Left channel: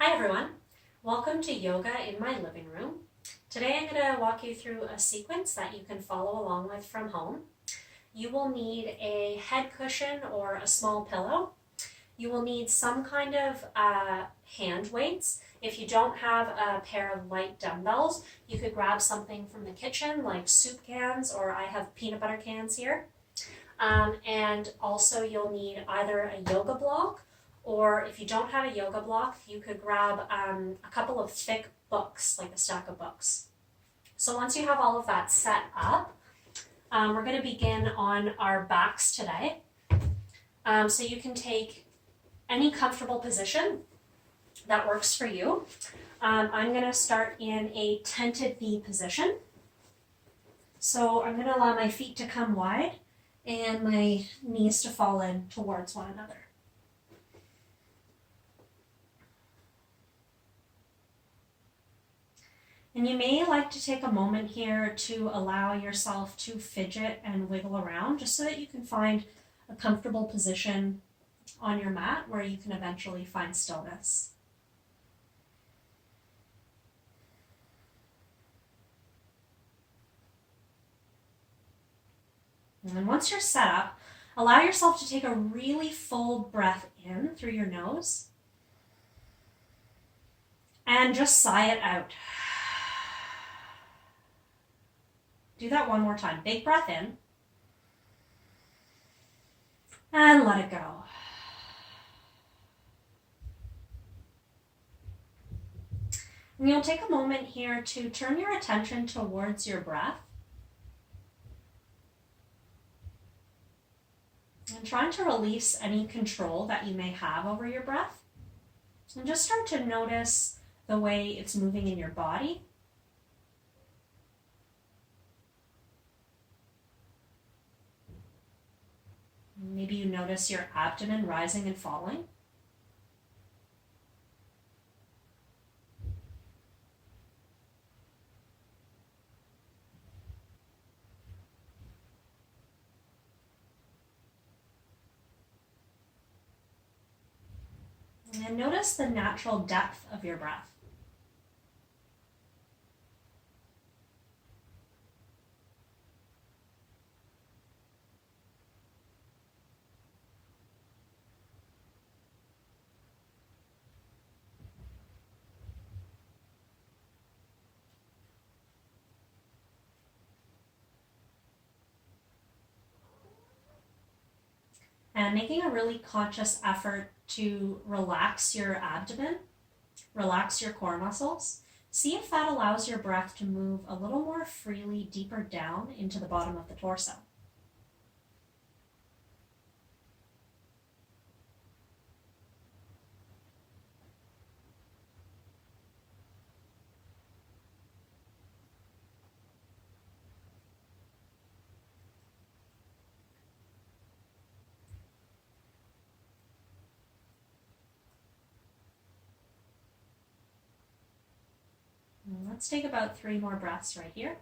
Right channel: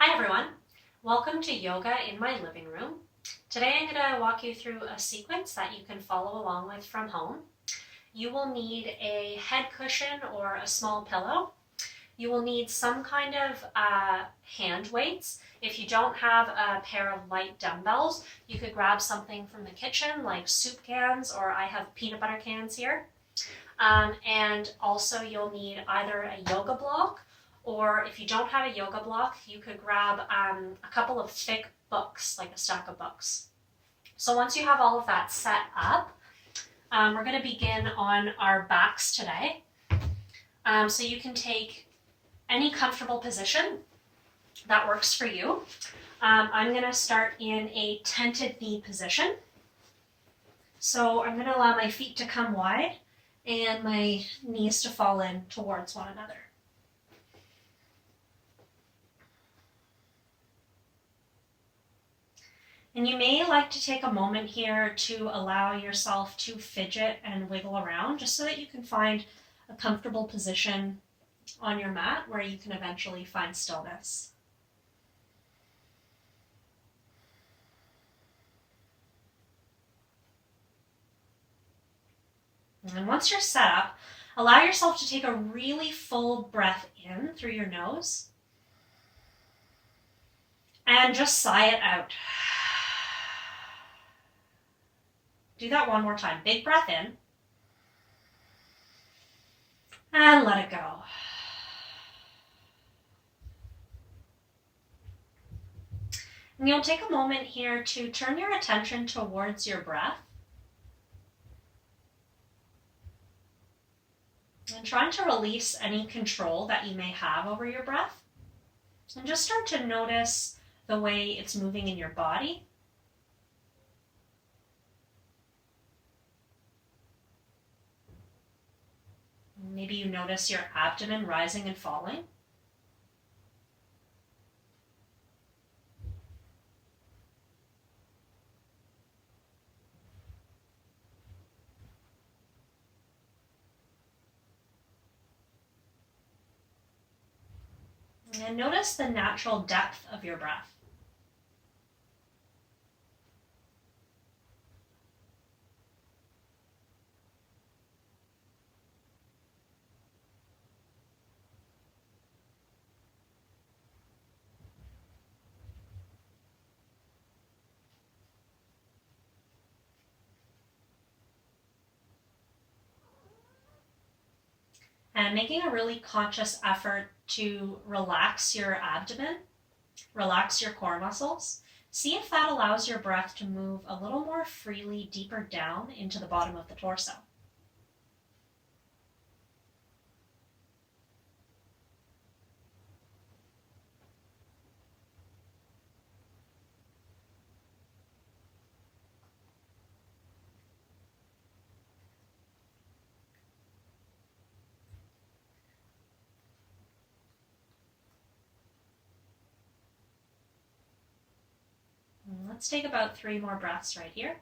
Hi everyone, welcome to Yoga in My Living Room. Today I'm going to walk you through a sequence that you can follow along with from home. You will need a head cushion or a small pillow. You will need some kind of hand weights. If you don't have a pair of light dumbbells, you could grab something from the kitchen like soup cans, or I have peanut butter cans here. And also you'll need either a yoga block, or if you don't have a yoga block, you could grab a couple of thick books, like a stack of books. So once you have all of that set up, we're going to begin on our backs today. So you can take any comfortable position that works for you. I'm going to start in a tented knee position. So I'm going to allow my feet to come wide and my knees to fall in towards one another. And you may like to take a moment here to allow yourself to fidget and wiggle around just so that you can find a comfortable position on your mat where you can eventually find stillness. And once you're set up, allow yourself to take a really full breath in through your nose and just sigh it out. Do that one more time. Big breath in and let it go. And you'll take a moment here to turn your attention towards your breath and trying to release any control that you may have over your breath. And just start to notice the way it's moving in your body. Maybe you notice your abdomen rising and falling. And notice the natural depth of your breath. And making a really conscious effort to relax your abdomen, relax your core muscles. See if that allows your breath to move a little more freely deeper down into the bottom of the torso. Let's take about 3 more breaths right here.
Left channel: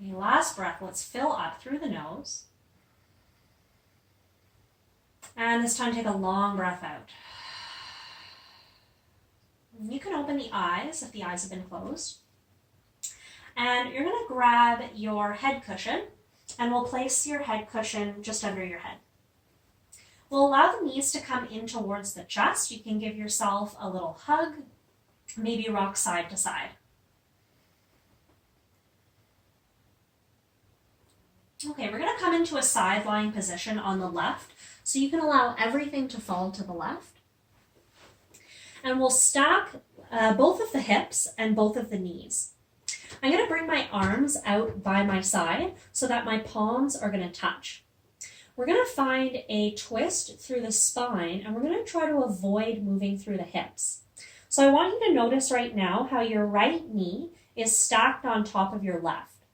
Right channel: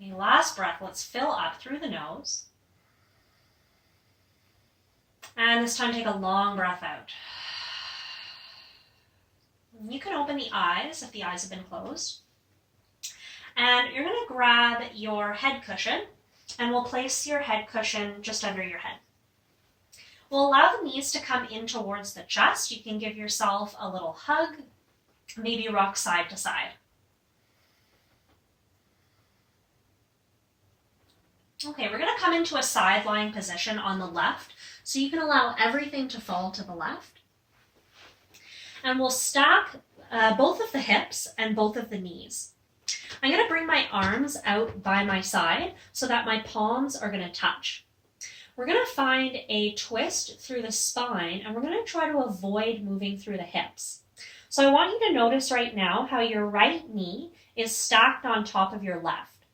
Okay, last breath, let's fill up through the nose. And this time take a long breath out. You can open the eyes if the eyes have been closed. And you're going to grab your head cushion, and we'll place your head cushion just under your head. We'll allow the knees to come in towards the chest. You can give yourself a little hug, maybe rock side to side. Okay, we're going to come into a side lying position on the left, so you can allow everything to fall to the left. And we'll stack both of the hips and both of the knees. I'm going to bring my arms out by my side so that my palms are going to touch. We're going to find a twist through the spine, and we're going to try to avoid moving through the hips. So I want you to notice right now how your right knee is stacked on top of your left.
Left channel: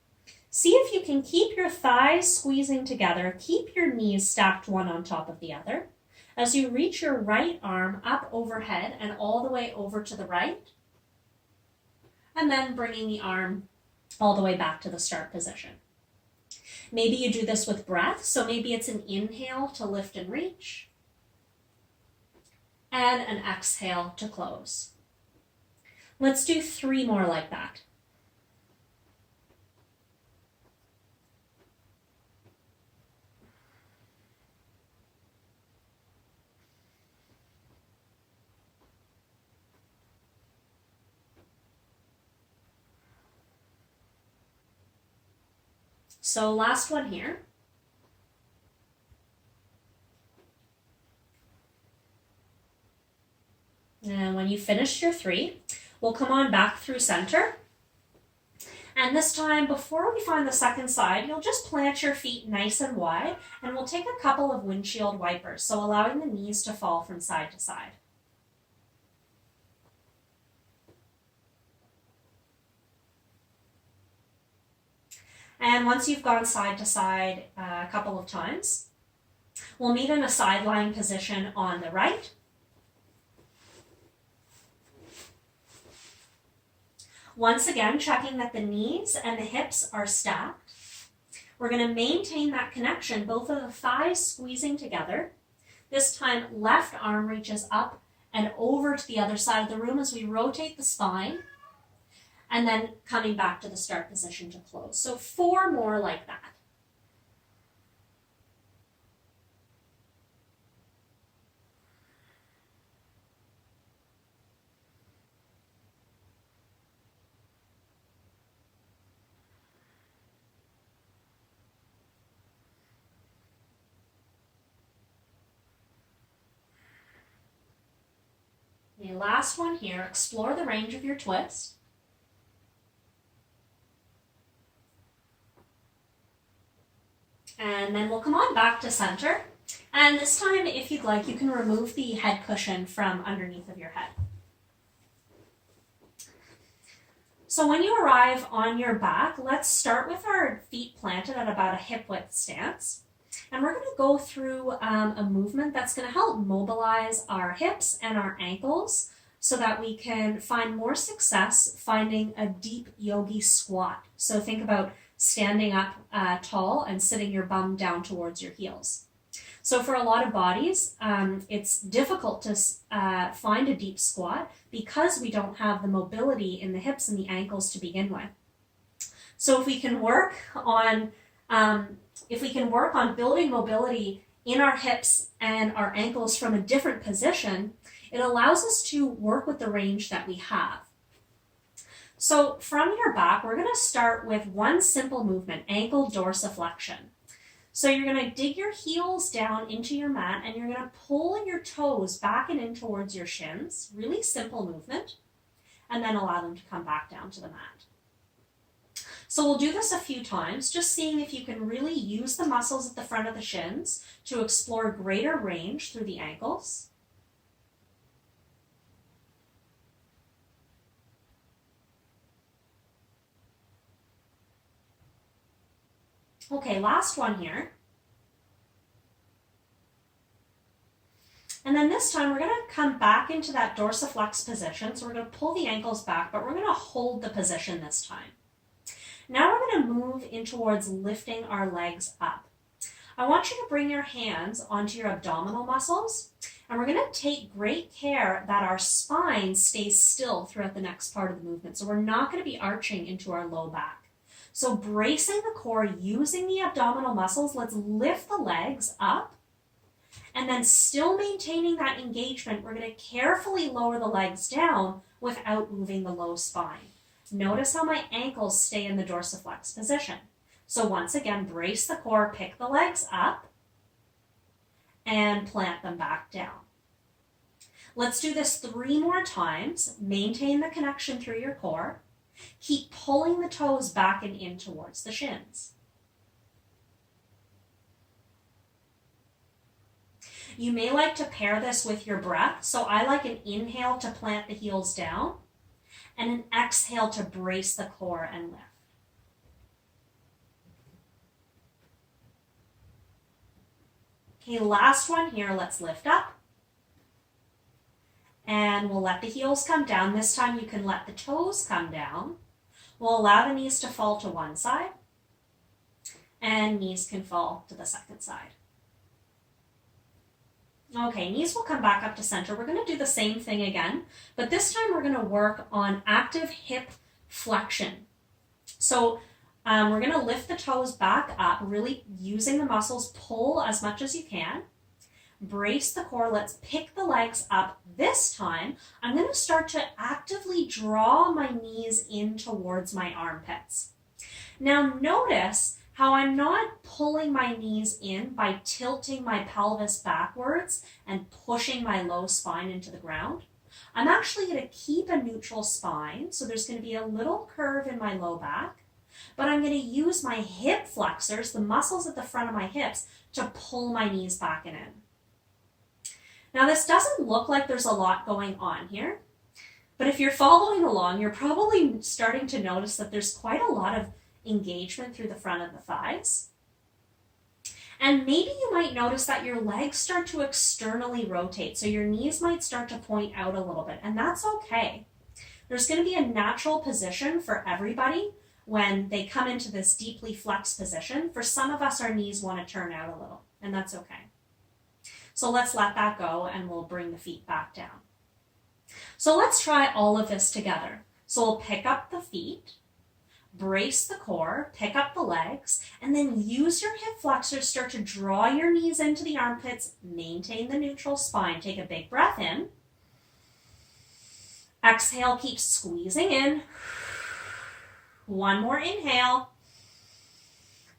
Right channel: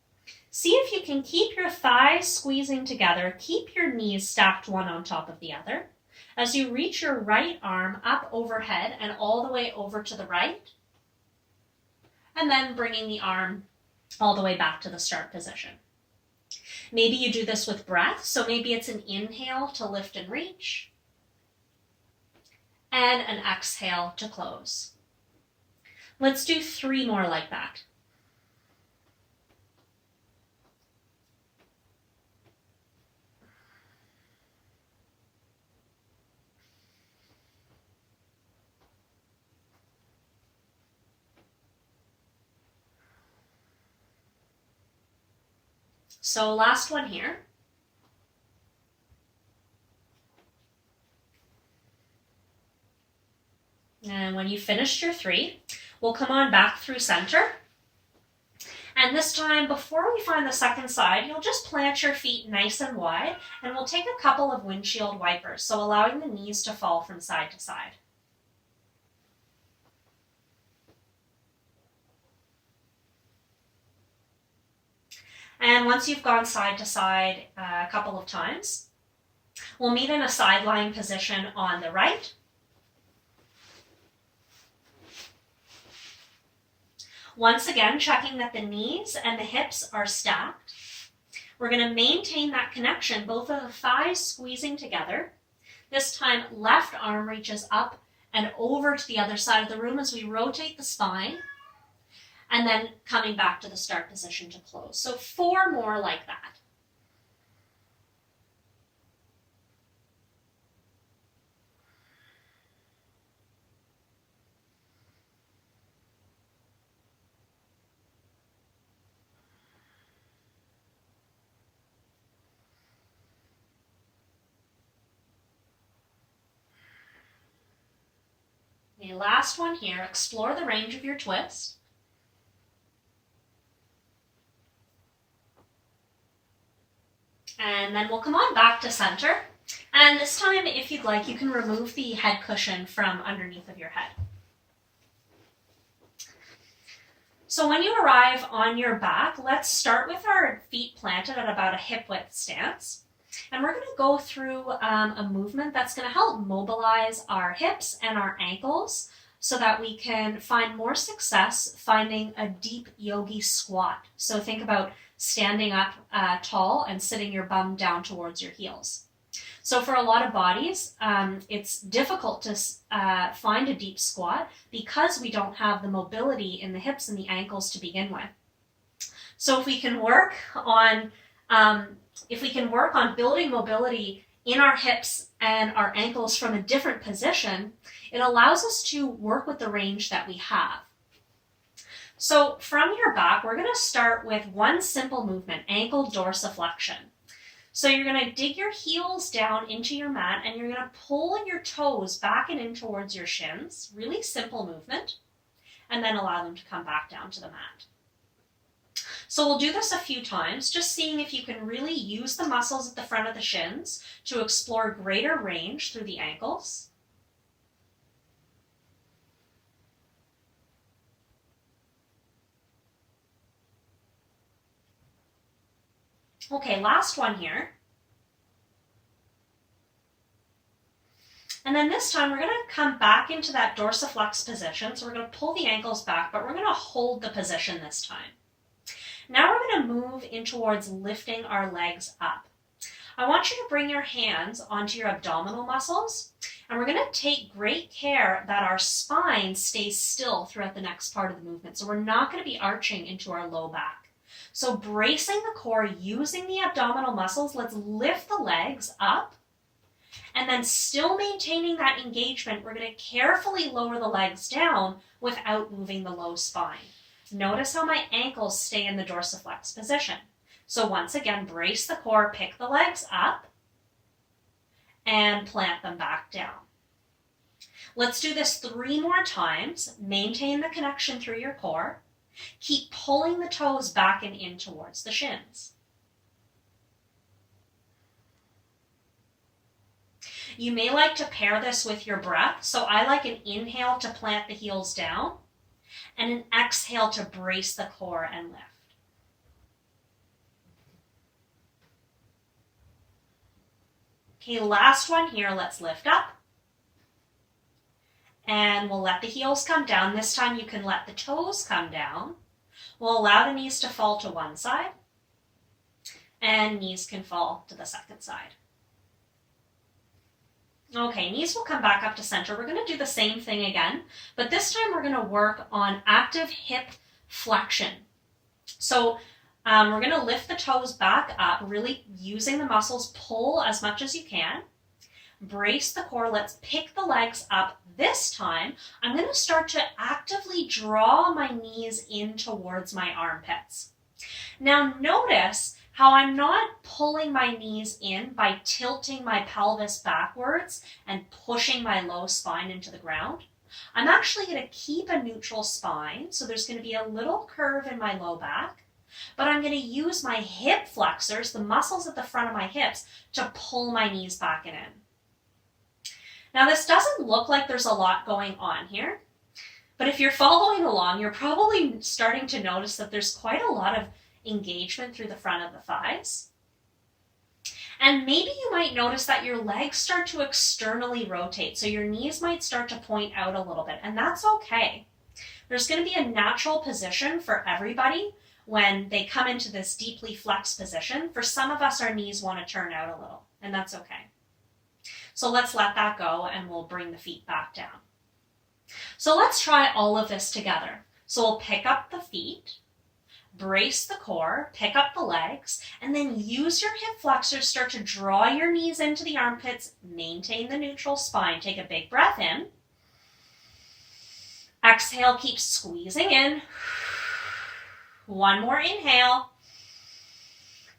See if you can keep your thighs squeezing together, keep your knees stacked one on top of the other, As you reach your right arm up overhead and all the way over to the right, and then bringing the arm all the way back to the start position. Maybe you do this with breath, so maybe it's an inhale to lift and reach, and an exhale to close. Let's do 3 more like that. So last one here. And when you finished your 3, we'll come on back through center. And this time, before we find the second side, you'll just plant your feet nice and wide, and we'll take a couple of windshield wipers, so allowing the knees to fall from side to side. And once you've gone side to side a couple of times, we'll meet in a sideline position on the right. Once again, checking that the knees and the hips are stacked. We're going to maintain that connection, both of the thighs squeezing together. This time, left arm reaches up and over to the other side of the room as we rotate the spine, and then coming back to the start position to close. So 4 more like that. The last one here, explore the range of your twist. And then we'll come on back to center. And this time, if you'd like, you can remove the head cushion from underneath of your head. So when you arrive on your back, let's start with our feet planted at about a hip width stance. And we're going to go through a movement that's going to help mobilize our hips and our ankles so that we can find more success finding a deep yogi squat. So think about standing up tall and sitting your bum down towards your heels. So for a lot of bodies, it's difficult to find a deep squat because we don't have the mobility in the hips and the ankles to begin with. So if we can work on building mobility in our hips and our ankles from a different position, it allows us to work with the range that we have. So from your back, we're going to start with one simple movement, ankle dorsiflexion. So you're going to dig your heels down into your mat and you're going to pull your toes back and in towards your shins. Really simple movement. And then allow them to come back down to the mat. So we'll do this a few times, just seeing if you can really use the muscles at the front of the shins to explore greater range through the ankles. Okay, last one here. And then this time we're going to come back into that dorsiflex position. So we're going to pull the ankles back, but we're going to hold the position this time. Now we're going to move in towards lifting our legs up. I want you to bring your hands onto your abdominal muscles, and we're going to take great care that our spine stays still throughout the next part of the movement. So we're not going to be arching into our low back. So bracing the core, using the abdominal muscles, let's lift the legs up, and then still maintaining that engagement, we're going to carefully lower the legs down without moving the low spine. Notice how my ankles stay in the dorsiflex position. So once again, brace the core, pick the legs up, and plant them back down. Let's do this 3 more times. Maintain the connection through your core. Keep pulling the toes back and in towards the shins. You may like to pair this with your breath. So I like an inhale to plant the heels down and an exhale to brace the core and lift. Okay, last one here. Let's lift up. And we'll let the heels come down. This time you can let the toes come down. We'll allow the knees to fall to one side. And knees can fall to the second side. Okay, knees will come back up to center. We're going to do the same thing again, but this time we're going to work on active hip flexion. So we're going to lift the toes back up, really using the muscles. Pull as much as you can. Brace the core. Let's pick the legs up. This time, I'm going to start to actively draw my knees in towards my armpits. Now notice how I'm not pulling my knees in by tilting my pelvis backwards and pushing my low spine into the ground. I'm actually going to keep a neutral spine, so there's going to be a little curve in my low back, but I'm going to use my hip flexors, the muscles at the front of my hips, to pull my knees back and in. Now this doesn't look like there's a lot going on here, but if you're following along, you're probably starting to notice that there's quite a lot of engagement through the front of the thighs. And maybe you might notice that your legs start to externally rotate, so your knees might start to point out a little bit, and that's okay. There's going to be a natural position for everybody when they come into this deeply flexed position. For some of us, our knees want to turn out a little, and that's okay. So let's let that go and we'll bring the feet back down. So let's try all of this together. So we'll pick up the feet, brace the core, pick up the legs, and then use your hip flexors. Start to draw your knees into the armpits, maintain the neutral spine. Take a big breath in. Exhale, keep squeezing in. One more inhale.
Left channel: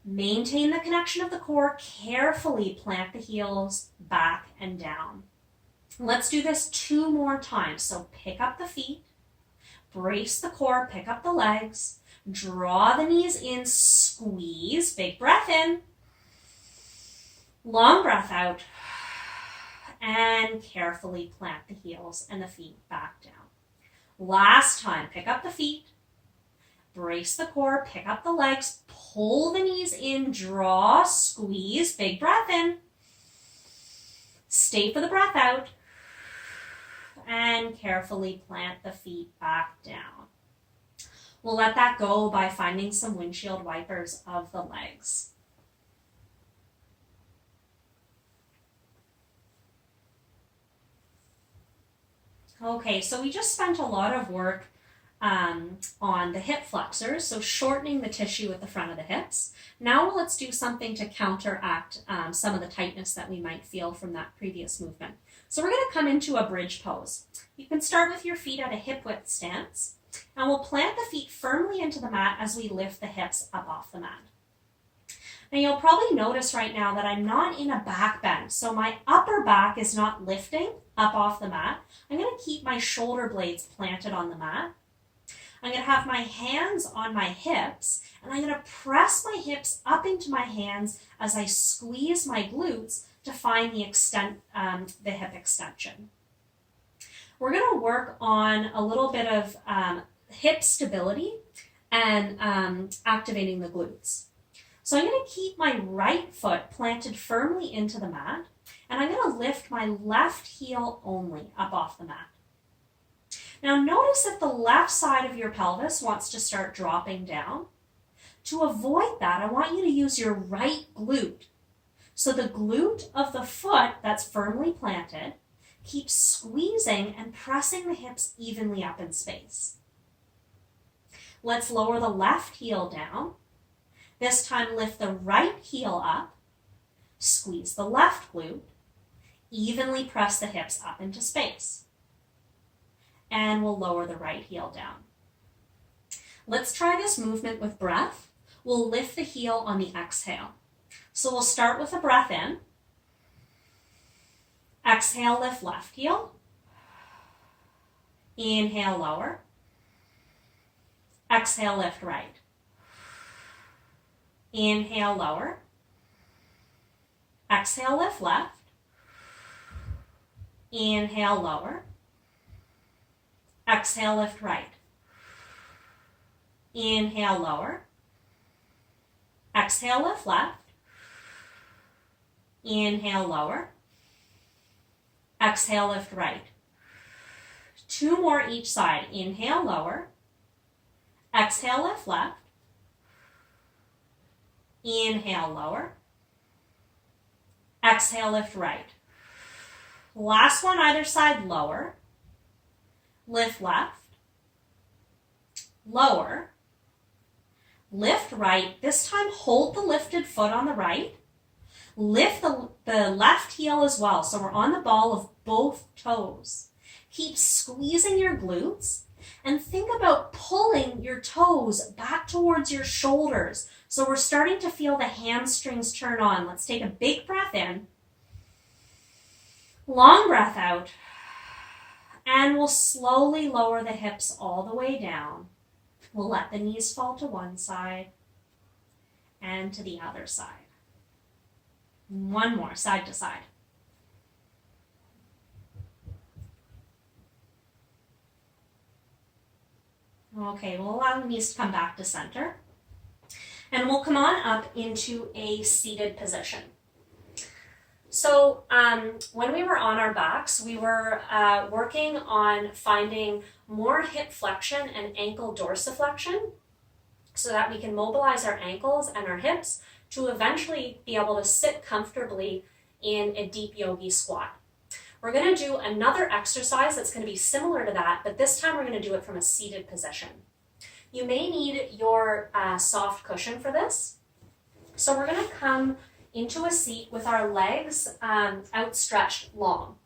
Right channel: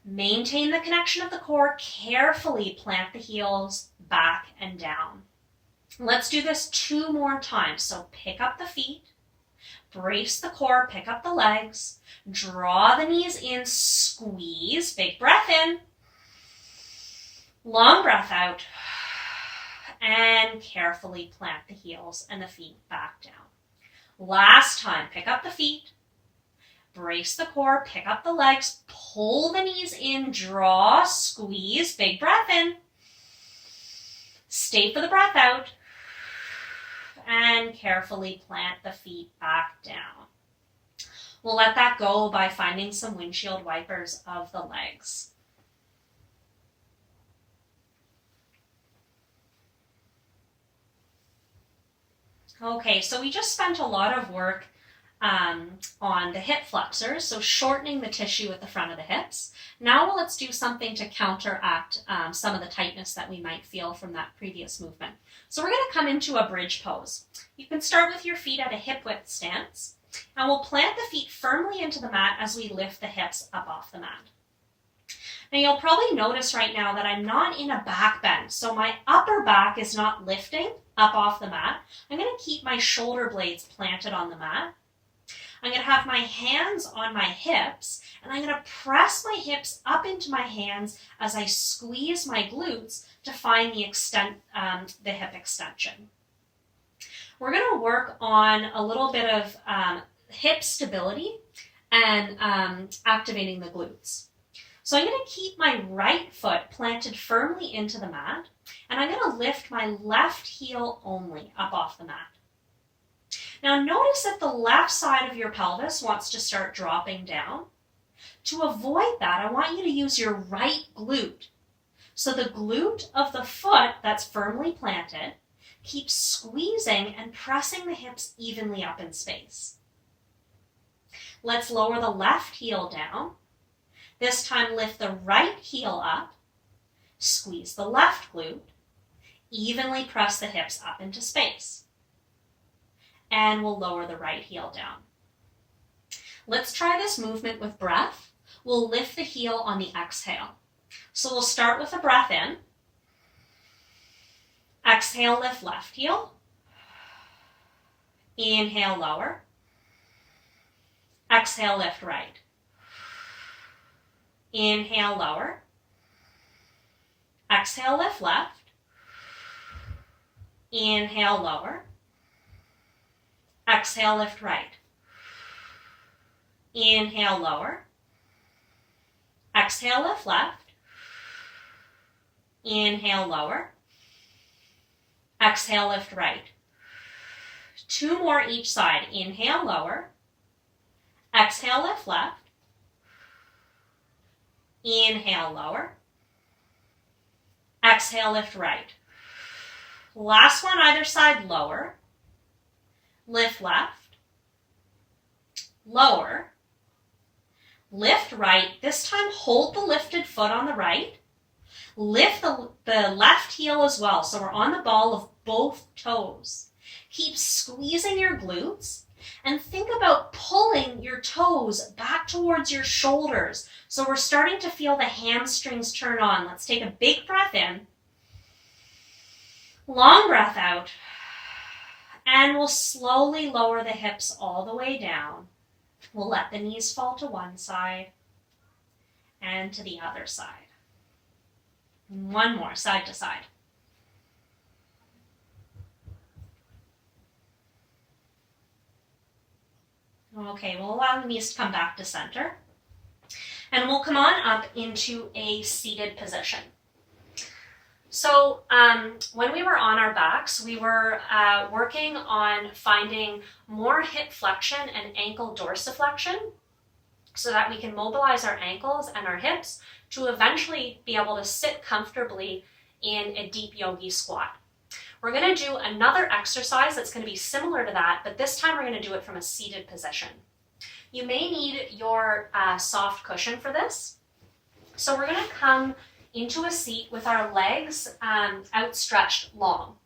Maintain the connection of the core. Carefully plant the heels back and down. Let's do this 2 more times. So pick up the feet, brace the core, pick up the legs, draw the knees in, squeeze, big breath in, long breath out, and carefully plant the heels and the feet back down. Last time, pick up the feet, brace the core, pick up the legs, pull the knees in, draw, squeeze, big breath in. Stay for the breath out. And carefully plant the feet back down. We'll let that go by finding some windshield wipers of the legs. Okay, so we just spent a lot of work on the hip flexors, so shortening the tissue at the front of the hips. Now let's do something to counteract some of the tightness that we might feel from that previous movement. So we're going to come into a bridge pose. You can start with your feet at a hip width stance, and we'll plant the feet firmly into the mat as we lift the hips up off the mat. Now you'll probably notice right now that I'm not in a back bend, so my upper back is not lifting up off the mat. I'm going to keep my shoulder blades planted on the mat. I'm going to have my hands on my hips, and I'm going to press my hips up into my hands as I squeeze my glutes to find the hip extension. We're going to work on a little bit of hip stability and activating the glutes. So I'm going to keep my right foot planted firmly into the mat, and I'm going to lift my left heel only up off the mat. Now notice if the left side of your pelvis wants to start dropping down. To avoid that, I want you to use your right glute. So the glute of the foot that's firmly planted, keep squeezing and pressing the hips evenly up in space. Let's lower the left heel down. This time lift the right heel up, squeeze the left glute, evenly press the hips up into space. And we'll lower the right heel down. Let's try this movement with breath. We'll lift the heel on the exhale. So we'll start with a breath in. Exhale, lift left heel. Inhale, lower. Exhale, lift right. Inhale, lower. Exhale, lift left. Inhale, lower. Exhale, lift right. Inhale, lower. Exhale, lift left. Inhale, lower. Exhale, lift right. 2 more each side. Inhale, lower. Exhale, lift left. Inhale, lower. Exhale, lift right. Last one, either side, lower. Lift left. Lower. Lift right. This time, hold the lifted foot on the right. Lift the left heel as well. So we're on the ball of both toes. Keep squeezing your glutes and think about pulling your toes back towards your shoulders. So we're starting to feel the hamstrings turn on. Let's take a big breath in. Long breath out. And we'll slowly lower the hips all the way down. We'll let the knees fall to one side and to the other side. One more, side to side. Okay, we'll allow the knees to come back to center. And we'll come on up into a seated position. So when we were on our backs, we were working on finding more hip flexion and ankle dorsiflexion so that we can mobilize our ankles and our hips to eventually be able to sit comfortably in a deep yogi squat. We're going to do another exercise that's going to be similar to that, but this time we're going to do it from a seated position. You may need your soft cushion for this. So we're going to come into a seat with our legs outstretched long.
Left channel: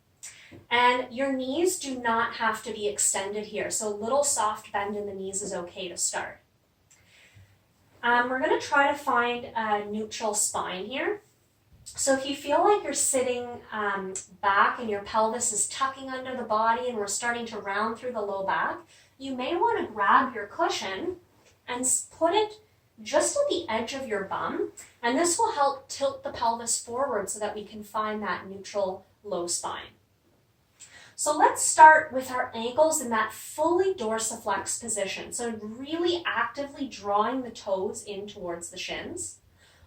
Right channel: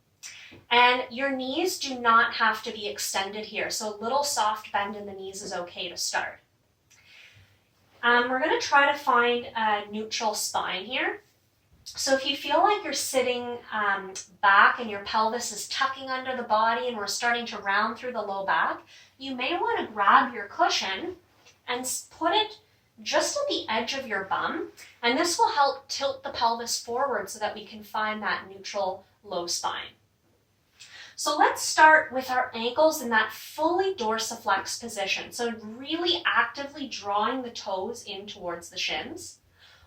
And your knees do not have to be extended here, so a little soft bend in the knees is okay to start. We're going to try to find a neutral spine here. So if you feel like you're sitting back and your pelvis is tucking under the body and we're starting to round through the low back, you may want to grab your cushion and put it just at the edge of your bum, and this will help tilt the pelvis forward so that we can find that neutral low spine. So let's start with our ankles in that fully dorsiflex position. So really actively drawing the toes in towards the shins.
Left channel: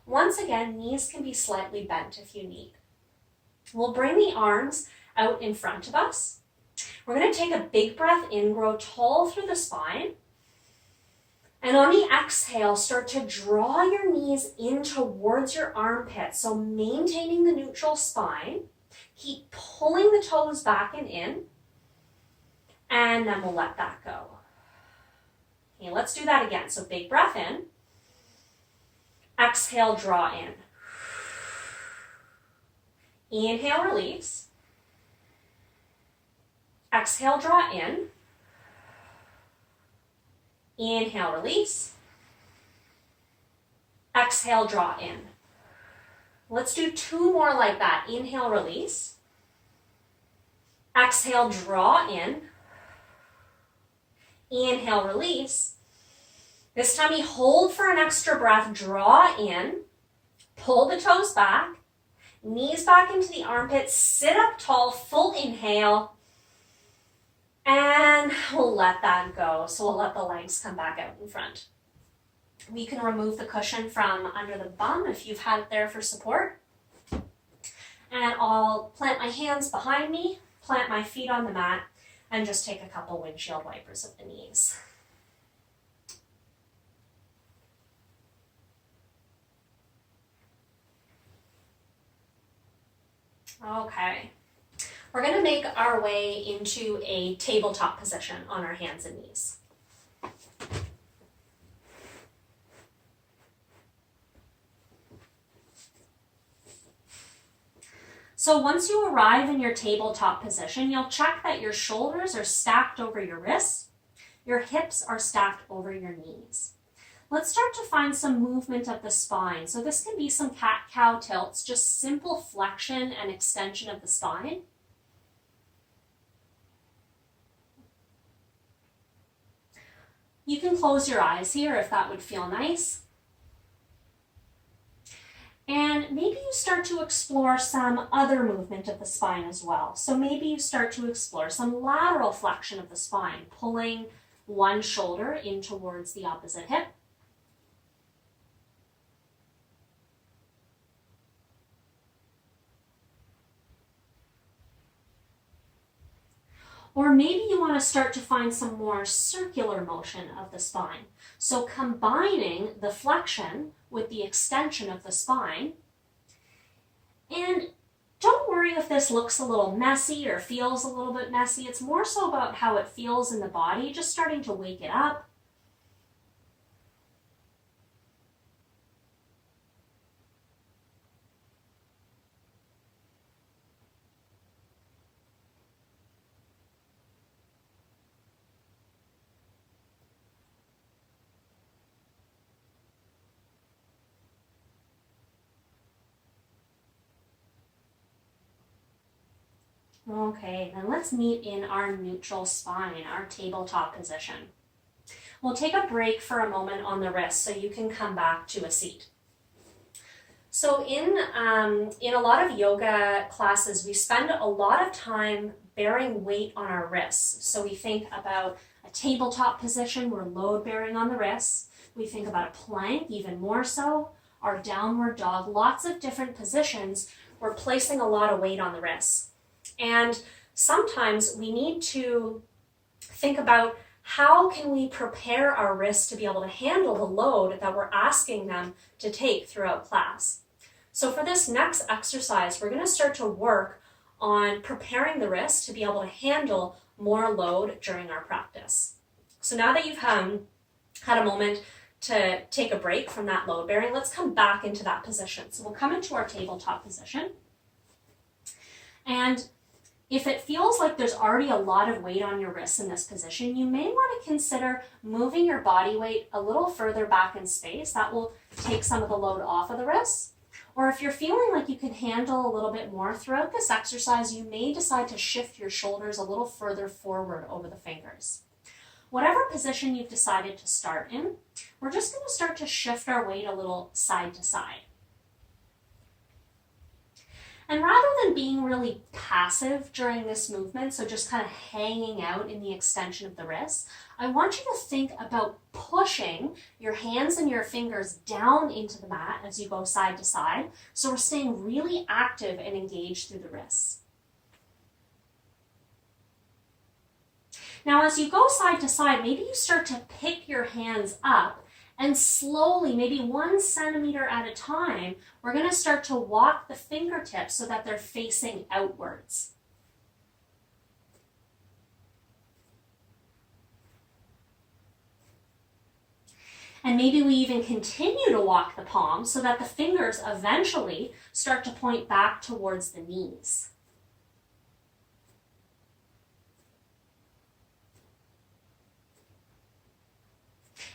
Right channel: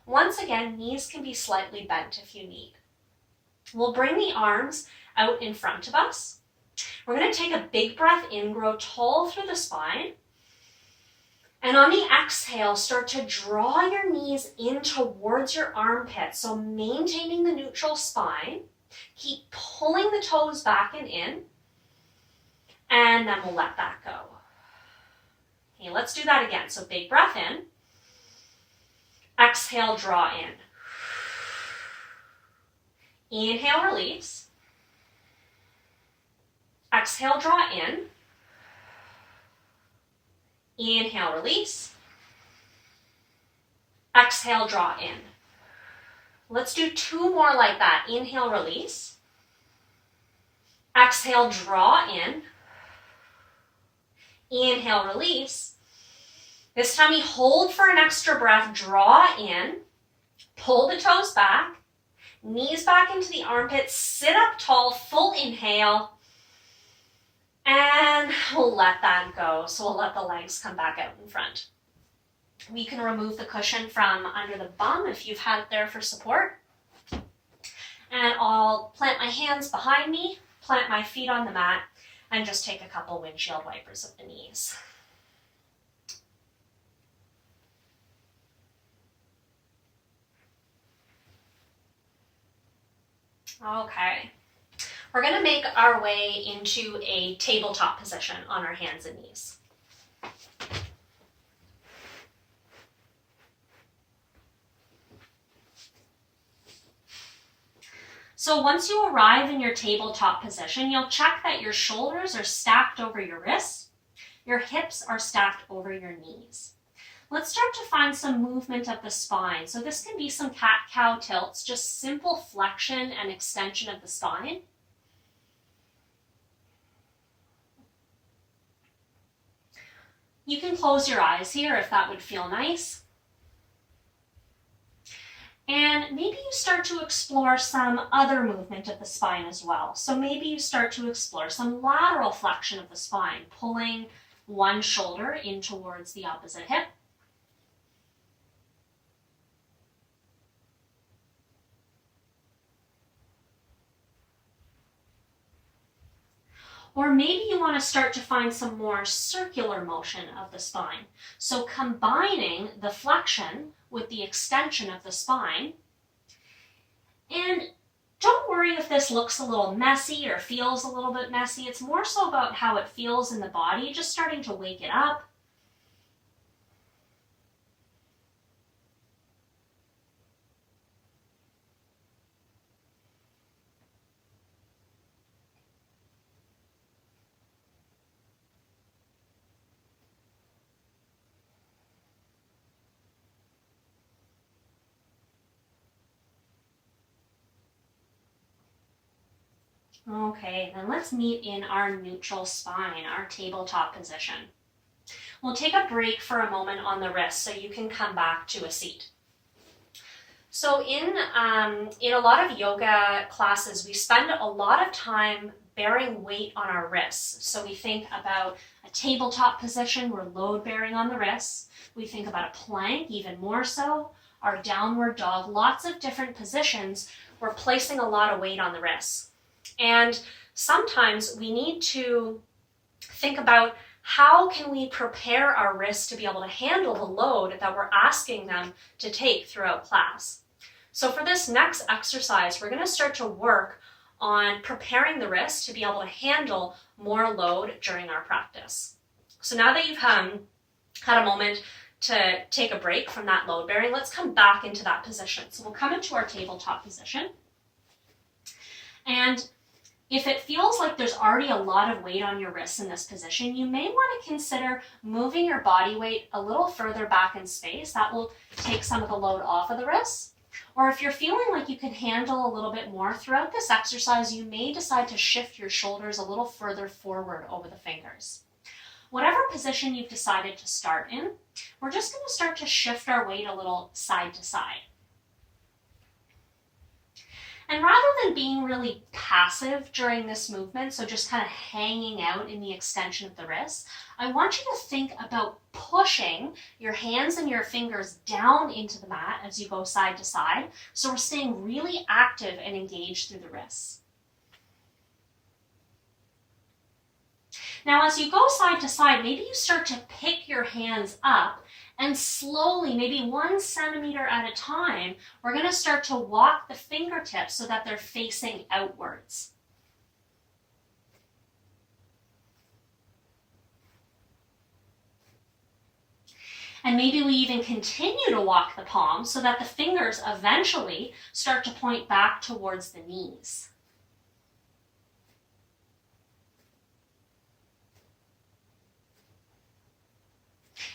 Once again, knees can be slightly bent if you need. We'll bring the arms out in front of us. We're going to take a big breath in, grow tall through the spine. And on the exhale, start to draw your knees in towards your armpits. So maintaining the neutral spine. Keep pulling the toes back and in. And then we'll let that go. Okay, let's do that again. So big breath in. Exhale, draw in. Inhale, release. Exhale, draw in. Inhale, release. Exhale, draw in. Let's do 2 more like that. Inhale, release. Exhale, draw in. Inhale, release. This time we hold for an extra breath, draw in, pull the toes back, knees back into the armpits, sit up tall, full inhale, and we'll let that go. So we'll let the legs come back out in front. We can remove the cushion from under the bum if you've had it there for support. And I'll plant my hands behind me, plant my feet on the mat, and just take a couple windshield wipers of the knees. Okay, we're going to make our way into a tabletop position on our hands and knees. So once you arrive in your tabletop position, you'll check that your shoulders are stacked over your wrists, your hips are stacked over your knees. Let's start to find some movement of the spine. So this can be some cat-cow tilts, just simple flexion and extension of the spine. You can close your eyes here if that would feel nice. And maybe you start to explore some other movement of the spine as well. So maybe you start to explore some lateral flexion of the spine, pulling one shoulder in towards the opposite hip. Or maybe you want to start to find some more circular motion of the spine. So combining the flexion with the extension of the spine. And don't worry if this looks a little messy or feels a little bit messy. It's more so about how it feels in the body, just starting to wake it up. Okay, then let's meet in our neutral spine, our tabletop position. We'll take a break for a moment on the wrist so you can come back to a seat. So in a lot of yoga classes, we spend a lot of time bearing weight on our wrists. So we think about a tabletop position, we're load bearing on the wrists. We think about a plank, even more so, our downward dog, lots of different positions. We're placing a lot of weight on the wrists. And sometimes we need to think about how can we prepare our wrists to be able to handle the load that we're asking them to take throughout class. So for this next exercise, we're going to start to work on preparing the wrist to be able to handle more load during our practice. So now that you've had a moment to take a break from that load bearing, let's come back into that position. So we'll come into our tabletop position. And if it feels like there's already a lot of weight on your wrists in this position, you may want to consider moving your body weight a little further back in space. That will take some of the load off of the wrists. Or if you're feeling like you can handle a little bit more throughout this exercise, you may decide to shift your shoulders a little further forward over the fingers. Whatever position you've decided to start in, we're just going to start to shift our weight a little side to side. And rather than being really passive during this movement, so just kind of hanging out in the extension of the wrist, I want you to think about pushing your hands and your fingers down into the mat as you go side to side. So we're staying really active and engaged through the wrists. Now, as you go side to side, maybe you start to pick your hands up and slowly, maybe 1 centimeter at a time, we're going to start to walk the fingertips so that they're facing outwards. And maybe we even continue to walk the palms so that the fingers eventually start to point back towards the knees.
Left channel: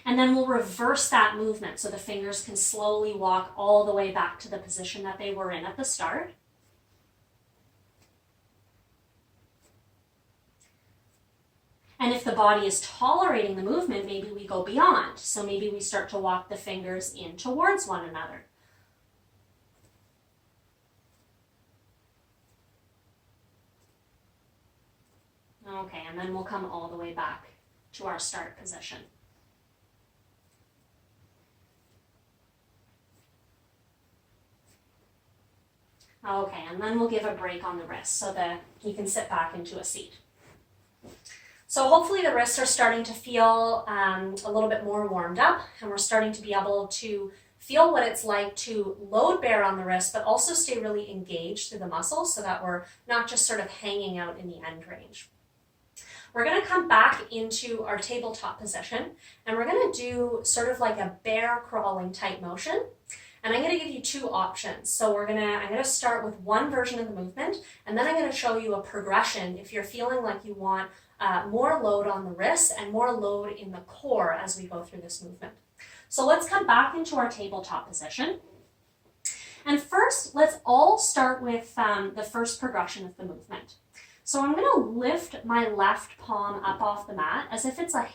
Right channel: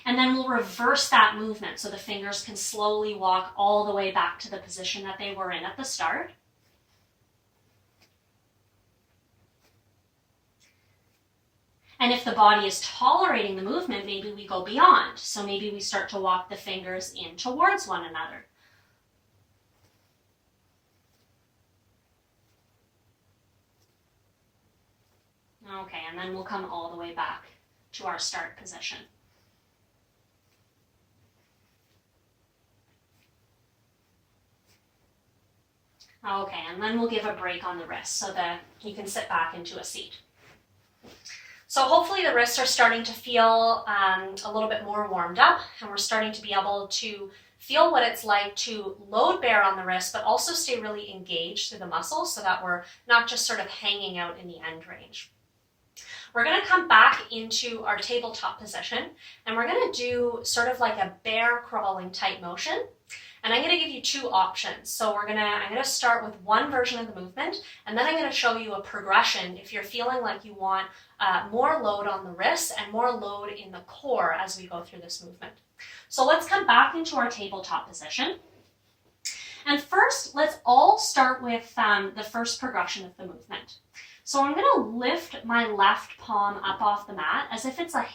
And then we'll reverse that movement so the fingers can slowly walk all the way back to the position that they were in at the start. And if the body is tolerating the movement, maybe we go beyond. So maybe we start to walk the fingers in towards one another. Okay, and then we'll come all the way back to our start position. Okay, and then we'll give a break on the wrist so that you can sit back into a seat. So hopefully the wrists are starting to feel a little bit more warmed up, and we're starting to be able to feel what it's like to load bear on the wrist, but also stay really engaged through the muscles so that we're not just sort of hanging out in the end range. We're going to come back into our tabletop position, and we're going to do sort of like a bear crawling type motion. And I'm going to give you 2 options. So I'm going to start with one version of the movement, and then I'm going to show you a progression if you're feeling like you want more load on the wrists and more load in the core as we go through this movement. So let's come back into our tabletop position. And first, let's all start with the first progression of the movement. So I'm going to lift my left palm up off the mat as if it's a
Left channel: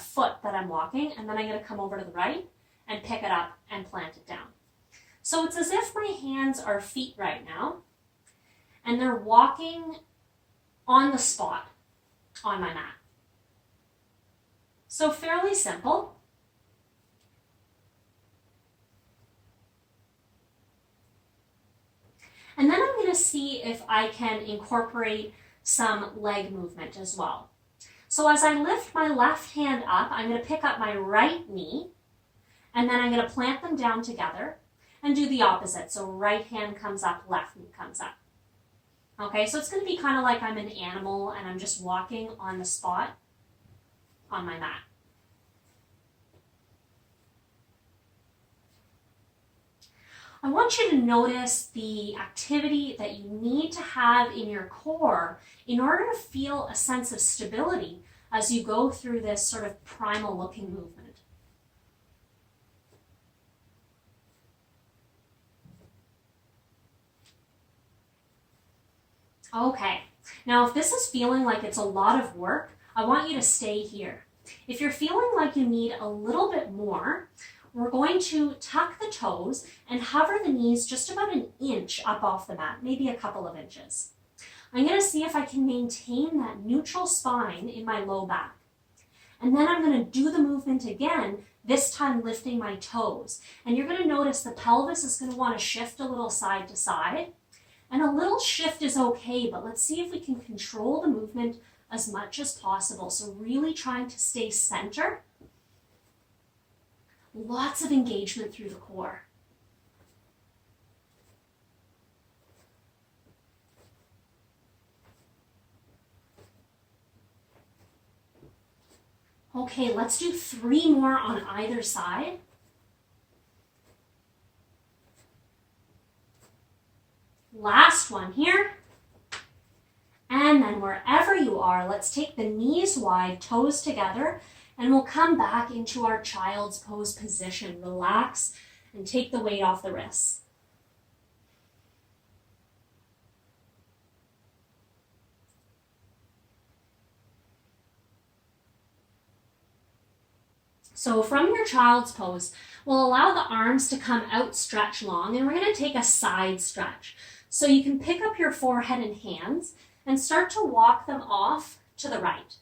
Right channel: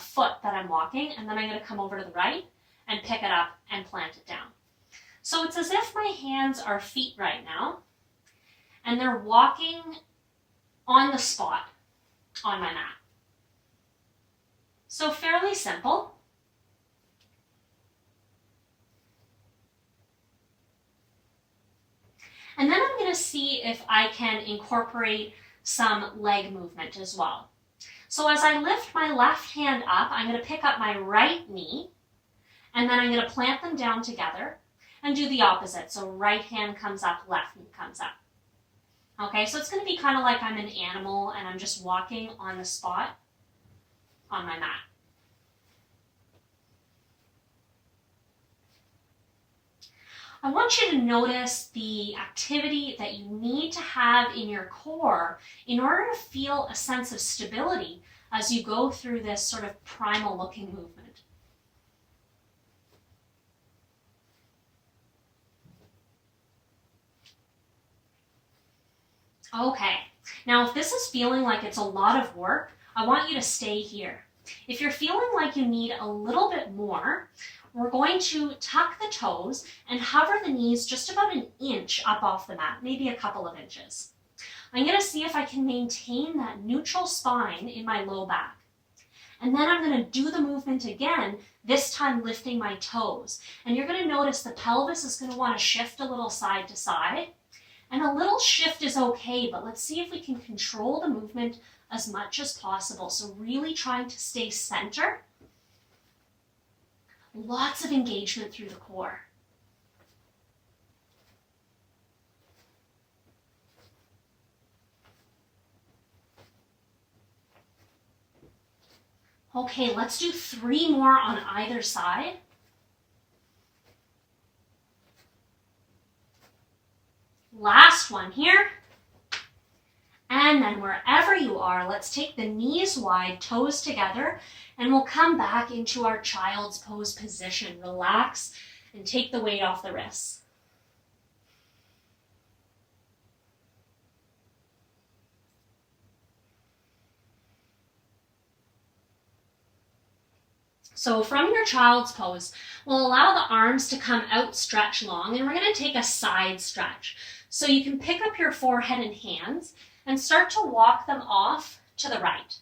foot that I'm walking, and then I'm going to come over to the right and pick it up and plant it down. So it's as if my hands are feet right now, and they're walking on the spot on my mat. So fairly simple. And then I'm going to see if I can incorporate some leg movement as well. So as I lift my left hand up, I'm going to pick up my right knee, and then I'm going to plant them down together and do the opposite. So right hand comes up, left knee comes up. Okay, so it's going to be kind of like I'm an animal and I'm just walking on the spot on my mat. I want you to notice the activity that you need to have in your core in order to feel a sense of stability as you go through this sort of primal looking movement. Okay, now if this is feeling like it's a lot of work, I want you to stay here. If you're feeling like you need a little bit more, we're going to tuck the toes and hover the knees just about an inch up off the mat, maybe a couple of inches. I'm going to see if I can maintain that neutral spine in my low back. And then I'm going to do the movement again, this time lifting my toes. And you're going to notice the pelvis is going to want to shift a little side to side. And a little shift is okay, but let's see if we can control the movement as much as possible. So really trying to stay center. Lots of engagement through the core. Okay, let's do 3 more on either side. Last one here. And then wherever you are, let's take the knees wide, toes together, and we'll come back into our child's pose position. Relax and take the weight off the wrists. So from your child's pose, we'll allow the arms to come out, stretch long, and we're going to take a side stretch. So you can pick up your forehead and hands and start to walk them off to the right.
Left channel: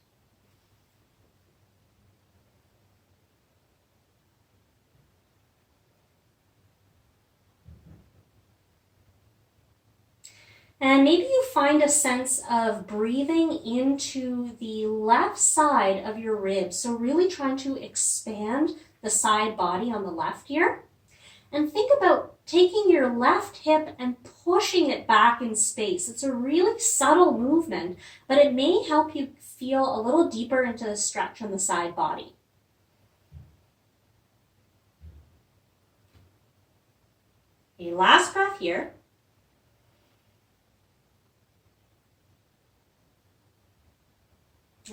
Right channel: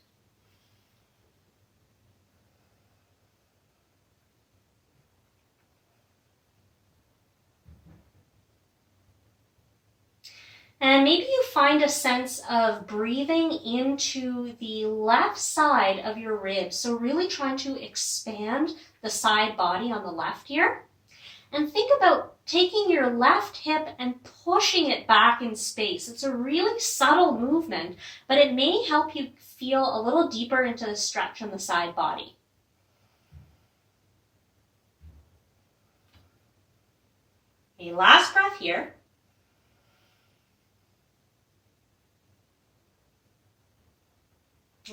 And maybe you find a sense of breathing into the left side of your ribs. So really trying to expand the side body on the left here. And think about taking your left hip and pushing it back in space. It's a really subtle movement, but it may help you feel a little deeper into the stretch on the side body. Okay, last breath here.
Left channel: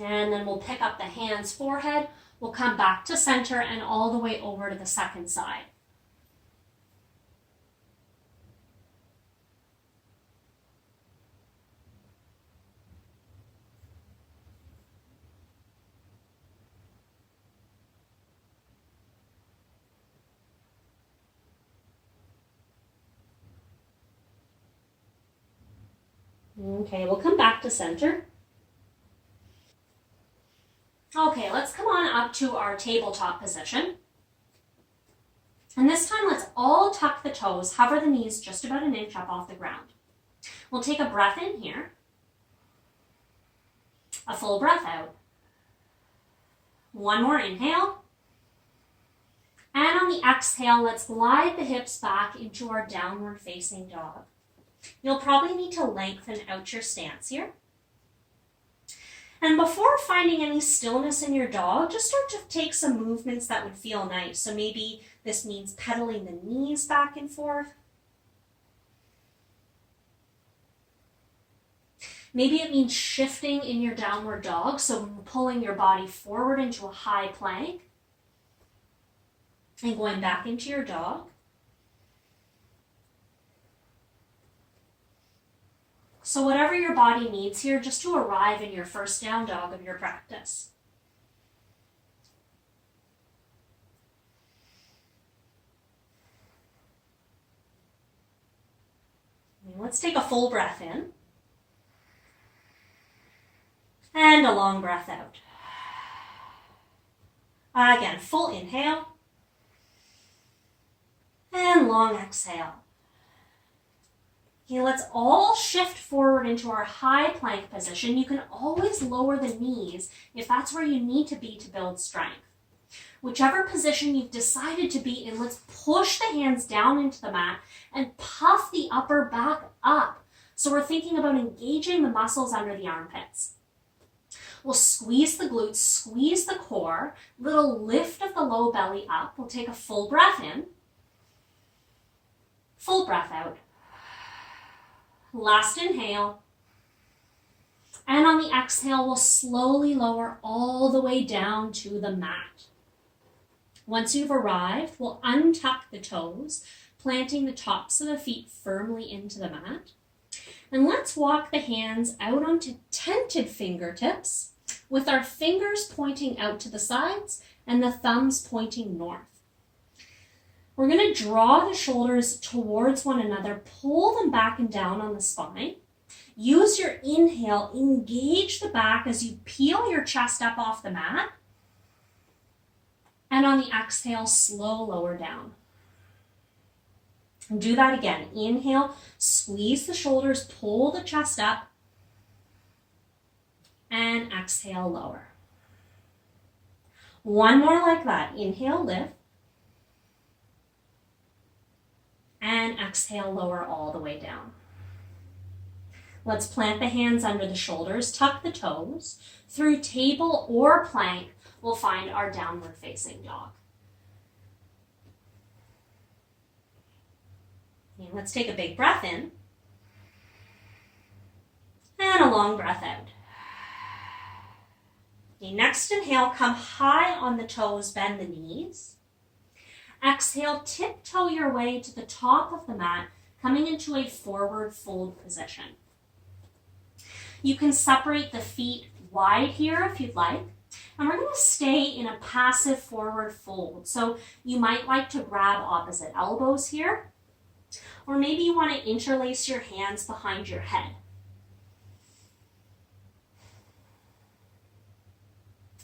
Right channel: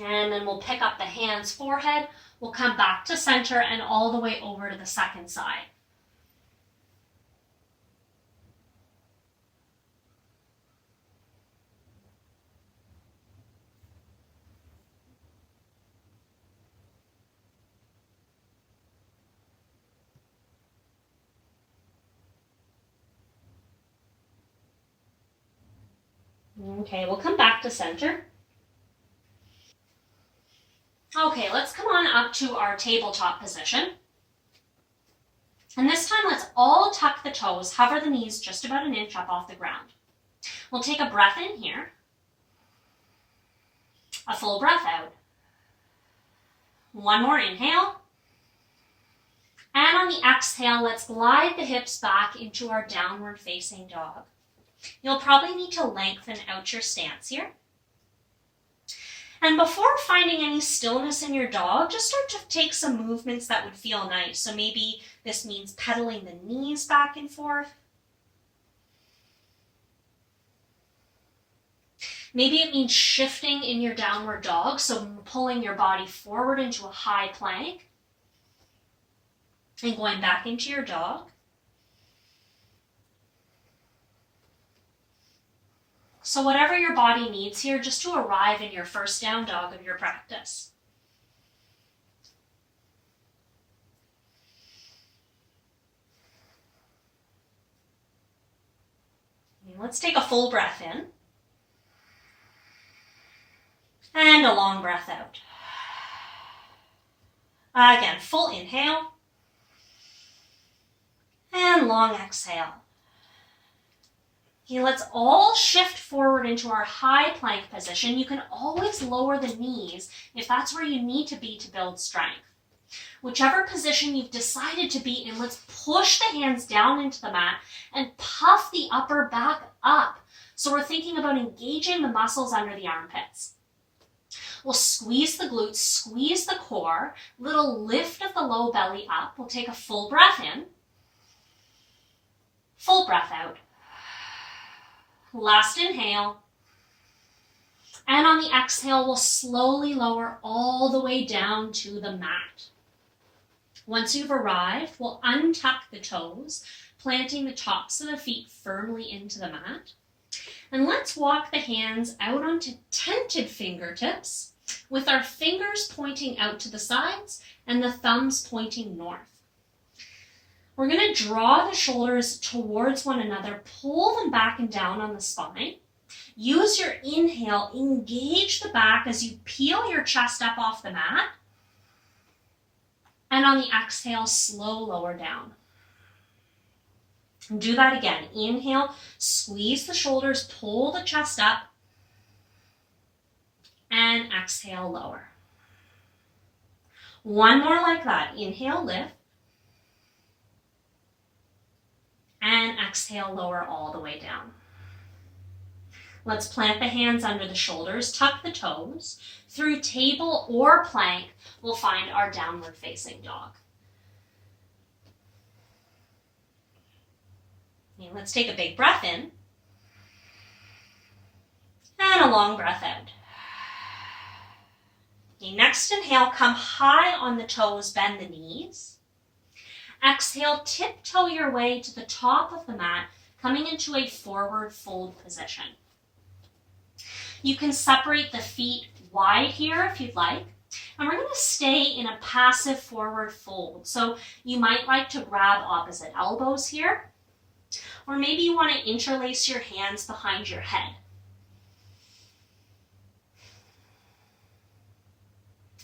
And then we'll pick up the hands, forehead. We'll come back to center and all the way over to the second side. Okay, we'll come back to center. Okay, let's come on up to our tabletop position. And this time, let's all tuck the toes, hover the knees just about an inch up off the ground. We'll take a breath in here, a full breath out. One more inhale. And on the exhale, let's glide the hips back into our downward facing dog. You'll probably need to lengthen out your stance here. And before finding any stillness in your dog, just start to take some movements that would feel nice. So maybe this means pedaling the knees back and forth. Maybe it means shifting in your downward dog, so pulling your body forward into a high plank and going back into your dog. So whatever your body needs here, just to arrive in your first down dog of your practice. Let's take a full breath in. And a long breath out. Again, full inhale. And long exhale. Okay, let's all shift forward into our high plank position. You can always lower the knees if that's where you need to be to build strength. Whichever position you've decided to be in, let's push the hands down into the mat and puff the upper back up. So we're thinking about engaging the muscles under the armpits. We'll squeeze the glutes, squeeze the core, little lift of the low belly up. We'll take a full breath in, full breath out. Last inhale. And on the exhale, we'll slowly lower all the way down to the mat. Once you've arrived, we'll untuck the toes, planting the tops of the feet firmly into the mat. And let's walk the hands out onto tented fingertips with our fingers pointing out to the sides and the thumbs pointing north. We're going to draw the shoulders towards one another, pull them back and down on the spine. Use your inhale, engage the back as you peel your chest up off the mat. And on the exhale, slow lower down. Do that again. Inhale, squeeze the shoulders, pull the chest up. And exhale, lower. One more like that. Inhale, lift. And exhale, lower all the way down. Let's plant the hands under the shoulders, tuck the toes. Through table or plank, we'll find our downward facing dog. Okay, let's take a big breath in. And a long breath out. Okay, next inhale, come high on the toes, bend the knees. Exhale, tiptoe your way to the top of the mat, coming into a forward fold position. You can separate the feet wide here if you'd like. And we're going to stay in a passive forward fold. So you might like to grab opposite elbows here. Or maybe you want to interlace your hands behind your head.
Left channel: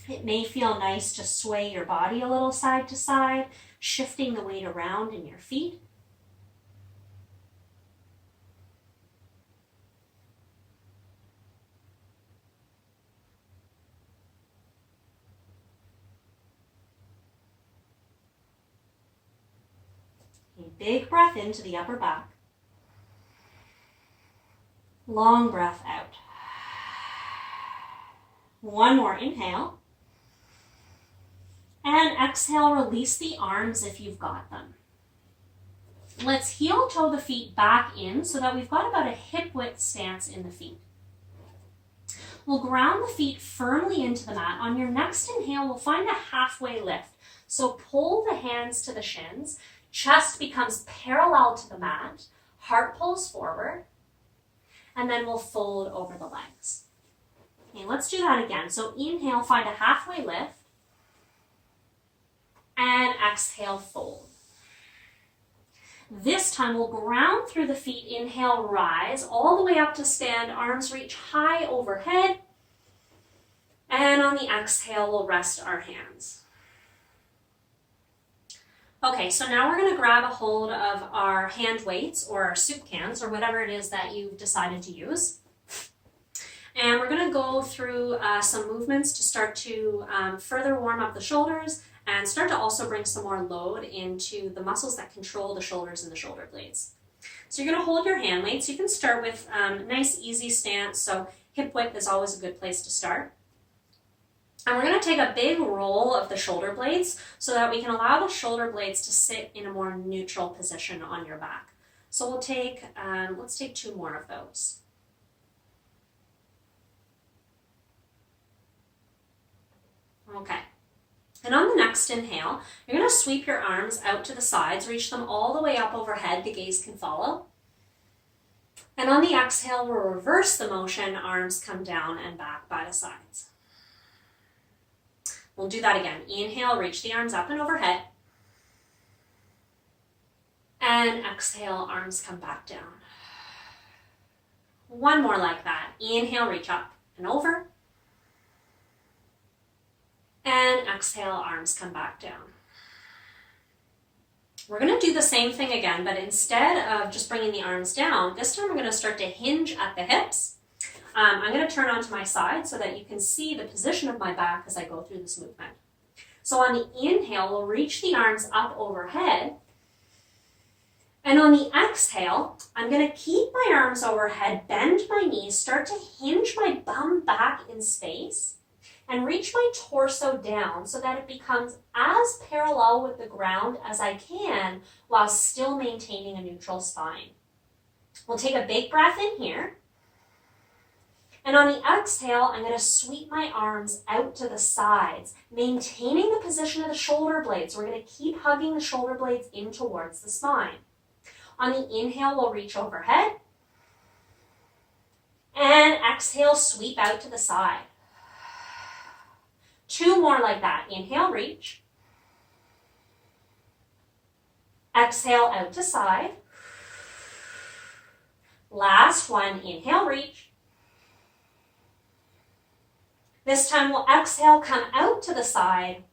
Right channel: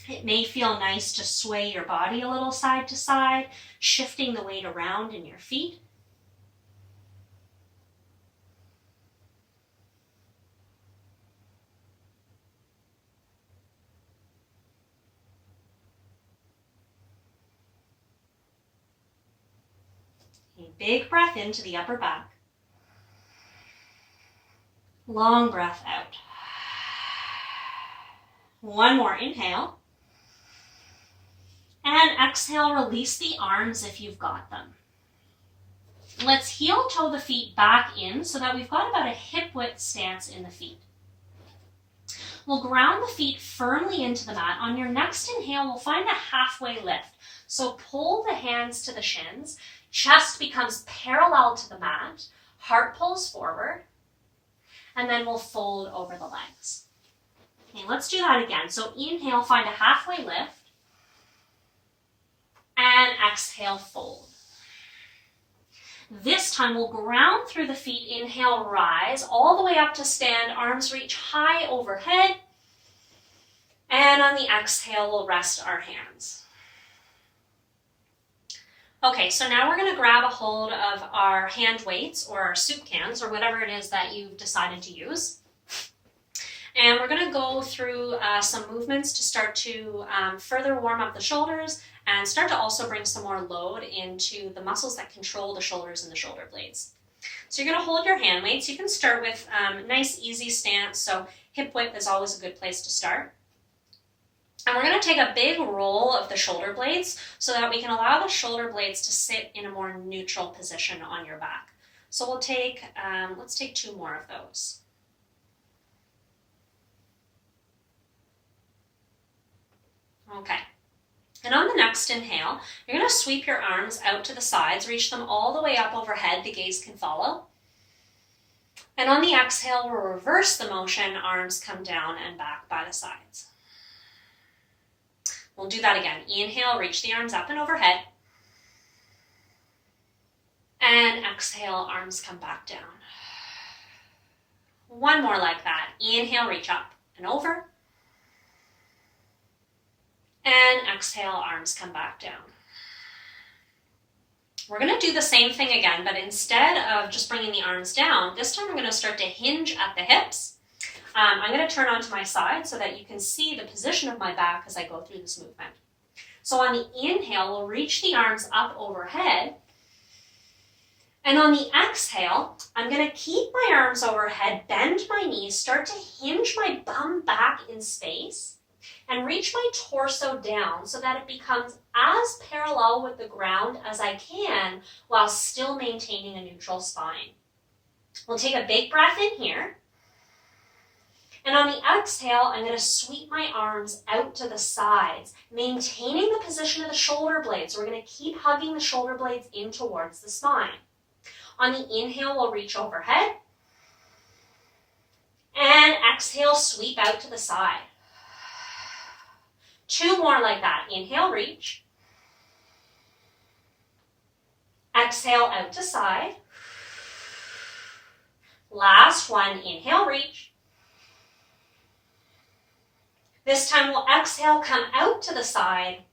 It may feel nice to sway your body a little side to side, shifting the weight around in your feet. A big breath into the upper back. Long breath out. One more inhale. And exhale, release the arms if you've got them. Let's heel toe the feet back in so that we've got about a hip width stance in the feet. We'll ground the feet firmly into the mat. On your next inhale, we'll find a halfway lift. So pull the hands to the shins. Chest becomes parallel to the mat. Heart pulls forward. And then we'll fold over the legs. Okay, let's do that again. So inhale, find a halfway lift. And exhale, fold. This time we'll ground through the feet. Inhale, rise all the way up to stand. Arms reach high overhead. And on the exhale, we'll rest our hands. Okay, so now we're going to grab a hold of our hand weights or our soup cans or whatever it is that you've decided to use. And we're going to go through some movements to start to further warm up the shoulders and start to also bring some more load into the muscles that control the shoulders and the shoulder blades. So you're going to hold your hand weights. You can start with nice, easy stance. So hip width is always a good place to start. And we're going to take a big roll of the shoulder blades so that we can allow the shoulder blades to sit in a more neutral position on your back. So we'll take, let's take 2 more of those. Okay. And on the next inhale, you're going to sweep your arms out to the sides, reach them all the way up overhead, the gaze can follow. And on the exhale, we'll reverse the motion, arms come down and back by the sides. We'll do that again. Inhale, reach the arms up and overhead. And exhale, arms come back down. One more like that. Inhale, reach up and over. And exhale, arms come back down. We're going to do the same thing again, but instead of just bringing the arms down, this time I'm going to start to hinge at the hips. I'm going to turn onto my side so that you can see the position of my back as I go through this movement. So on the inhale, we'll reach the arms up overhead. And on the exhale, I'm going to keep my arms overhead, bend my knees, start to hinge my bum back in space, and reach my torso down so that it becomes as parallel with the ground as I can while still maintaining a neutral spine. We'll take a big breath in here. And on the exhale, I'm going to sweep my arms out to the sides, maintaining the position of the shoulder blades. We're going to keep hugging the shoulder blades in towards the spine. On the inhale, we'll reach overhead. And exhale, sweep out to the side. 2 more like that. Inhale, reach. Exhale, out to side. Last one, inhale, reach. This time we'll exhale, come out to the side,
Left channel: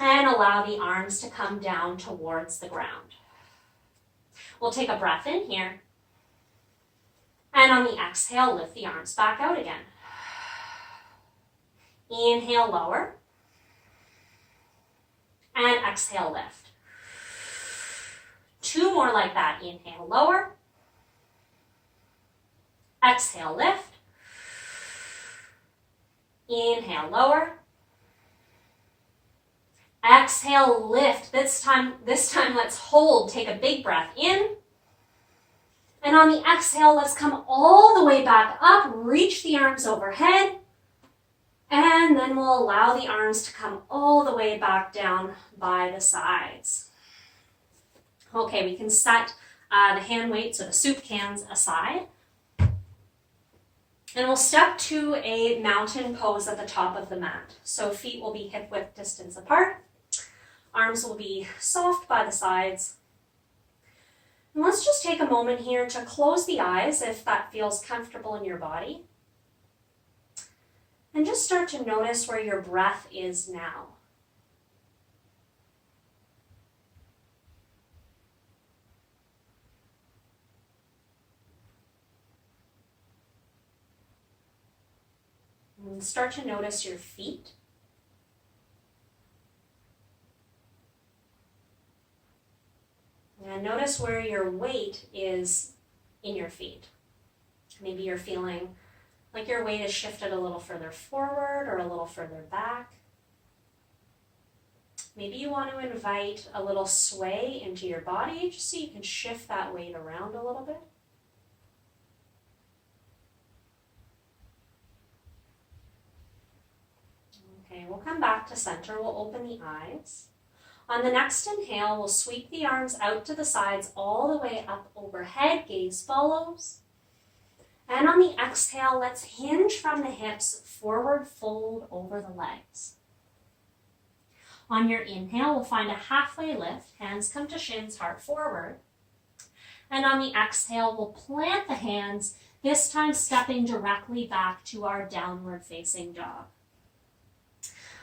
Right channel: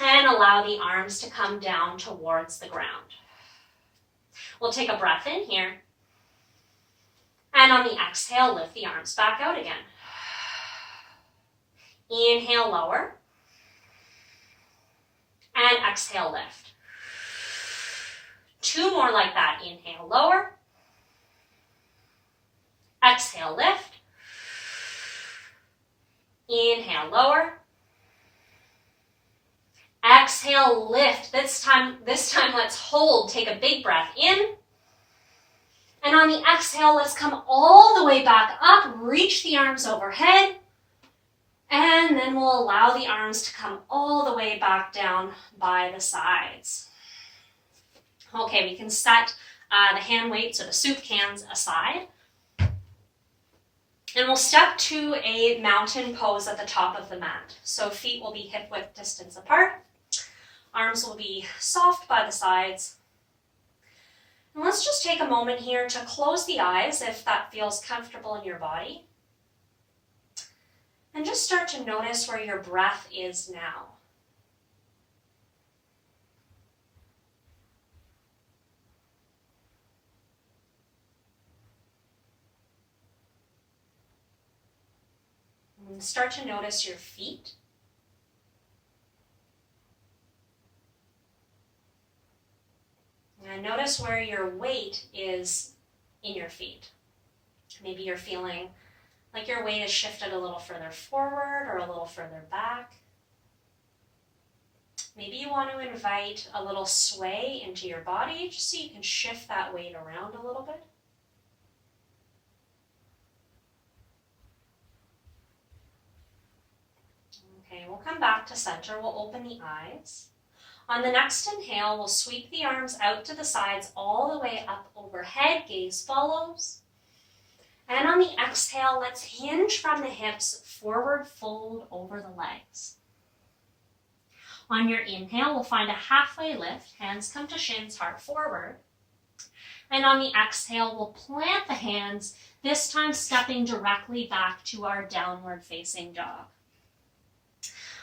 and allow the arms to come down towards the ground. We'll take a breath in here. And on the exhale, lift the arms back out again. Inhale, lower. And exhale, lift. 2 more like that. Inhale, lower. Exhale, lift. Inhale, lower. Exhale, lift. This time let's hold. Take a big breath in. And on the exhale, let's come all the way back up. Reach the arms overhead. And then we'll allow the arms to come all the way back down by the sides. Okay, we can set the hand weights or the soup cans aside. And we'll step to a mountain pose at the top of the mat. So feet will be hip width distance apart. Arms will be soft by the sides. And let's just take a moment here to close the eyes if that feels comfortable in your body. And just start to notice where your breath is now. And start to notice your feet. And notice where your weight is in your feet. Maybe you're feeling like your weight is shifted a little further forward or a little further back. Maybe you want to invite a little sway into your body just so you can shift that weight around a little bit. Okay, we'll come back to center. We'll open the eyes. On the next inhale, we'll sweep the arms out to the sides all the way up overhead. Gaze follows. And on the exhale, let's hinge from the hips, forward fold over the legs. On your inhale, we'll find a halfway lift. Hands come to shins, heart forward. And on the exhale, we'll plant the hands, this time stepping directly back to our downward facing dog.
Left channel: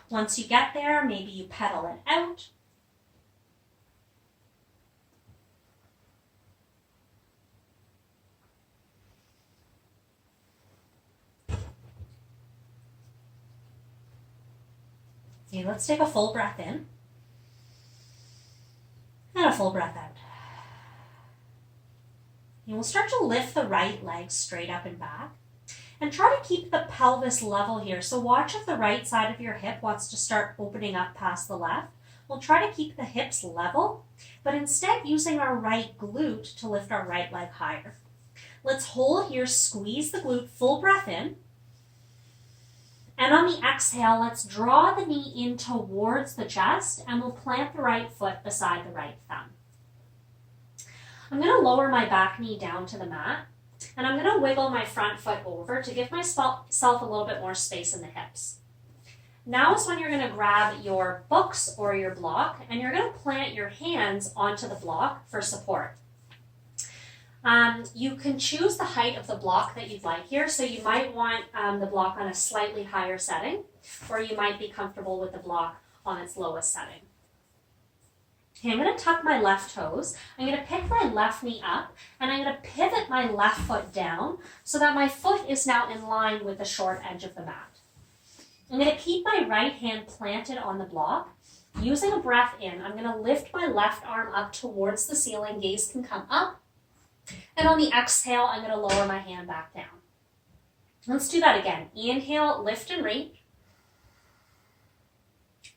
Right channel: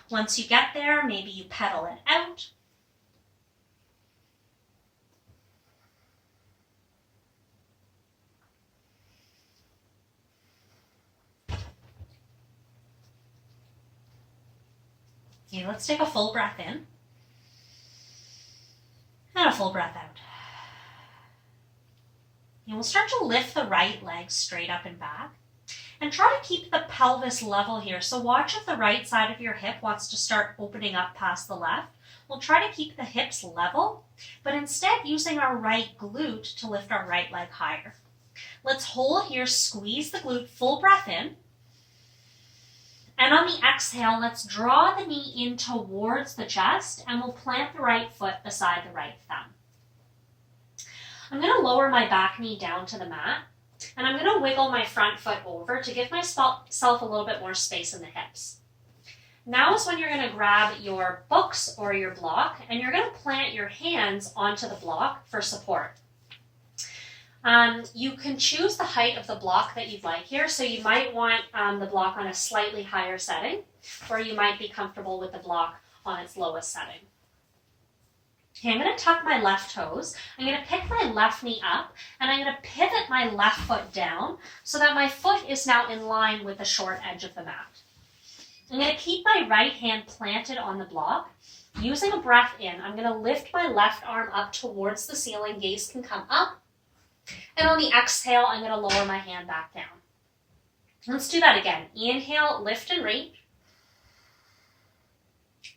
Once you get there, maybe you pedal it out. Okay, let's take a full breath in and a full breath out. And we'll start to lift the right leg straight up and back. And try to keep the pelvis level here. So watch if the right side of your hip wants to start opening up past the left. We'll try to keep the hips level, but instead using our right glute to lift our right leg higher. Let's hold here, squeeze the glute, full breath in. And on the exhale, let's draw the knee in towards the chest and we'll plant the right foot beside the right thumb. I'm going to lower my back knee down to the mat. And I'm going to wiggle my front foot over to give myself a little bit more space in the hips. Now is when you're going to grab your books or your block and you're going to plant your hands onto the block for support. You can choose the height of the block that you'd like here. So you might want the block on a slightly higher setting, or you might be comfortable with the block on its lowest setting. Okay, I'm going to tuck my left toes. I'm going to pick my left knee up and I'm going to pivot my left foot down so that my foot is now in line with the short edge of the mat. I'm going to keep my right hand planted on the block. Using a breath in, I'm going to lift my left arm up towards the ceiling. Gaze can come up. And on the exhale, I'm going to lower my hand back down. Let's do that again. Inhale, lift and reach.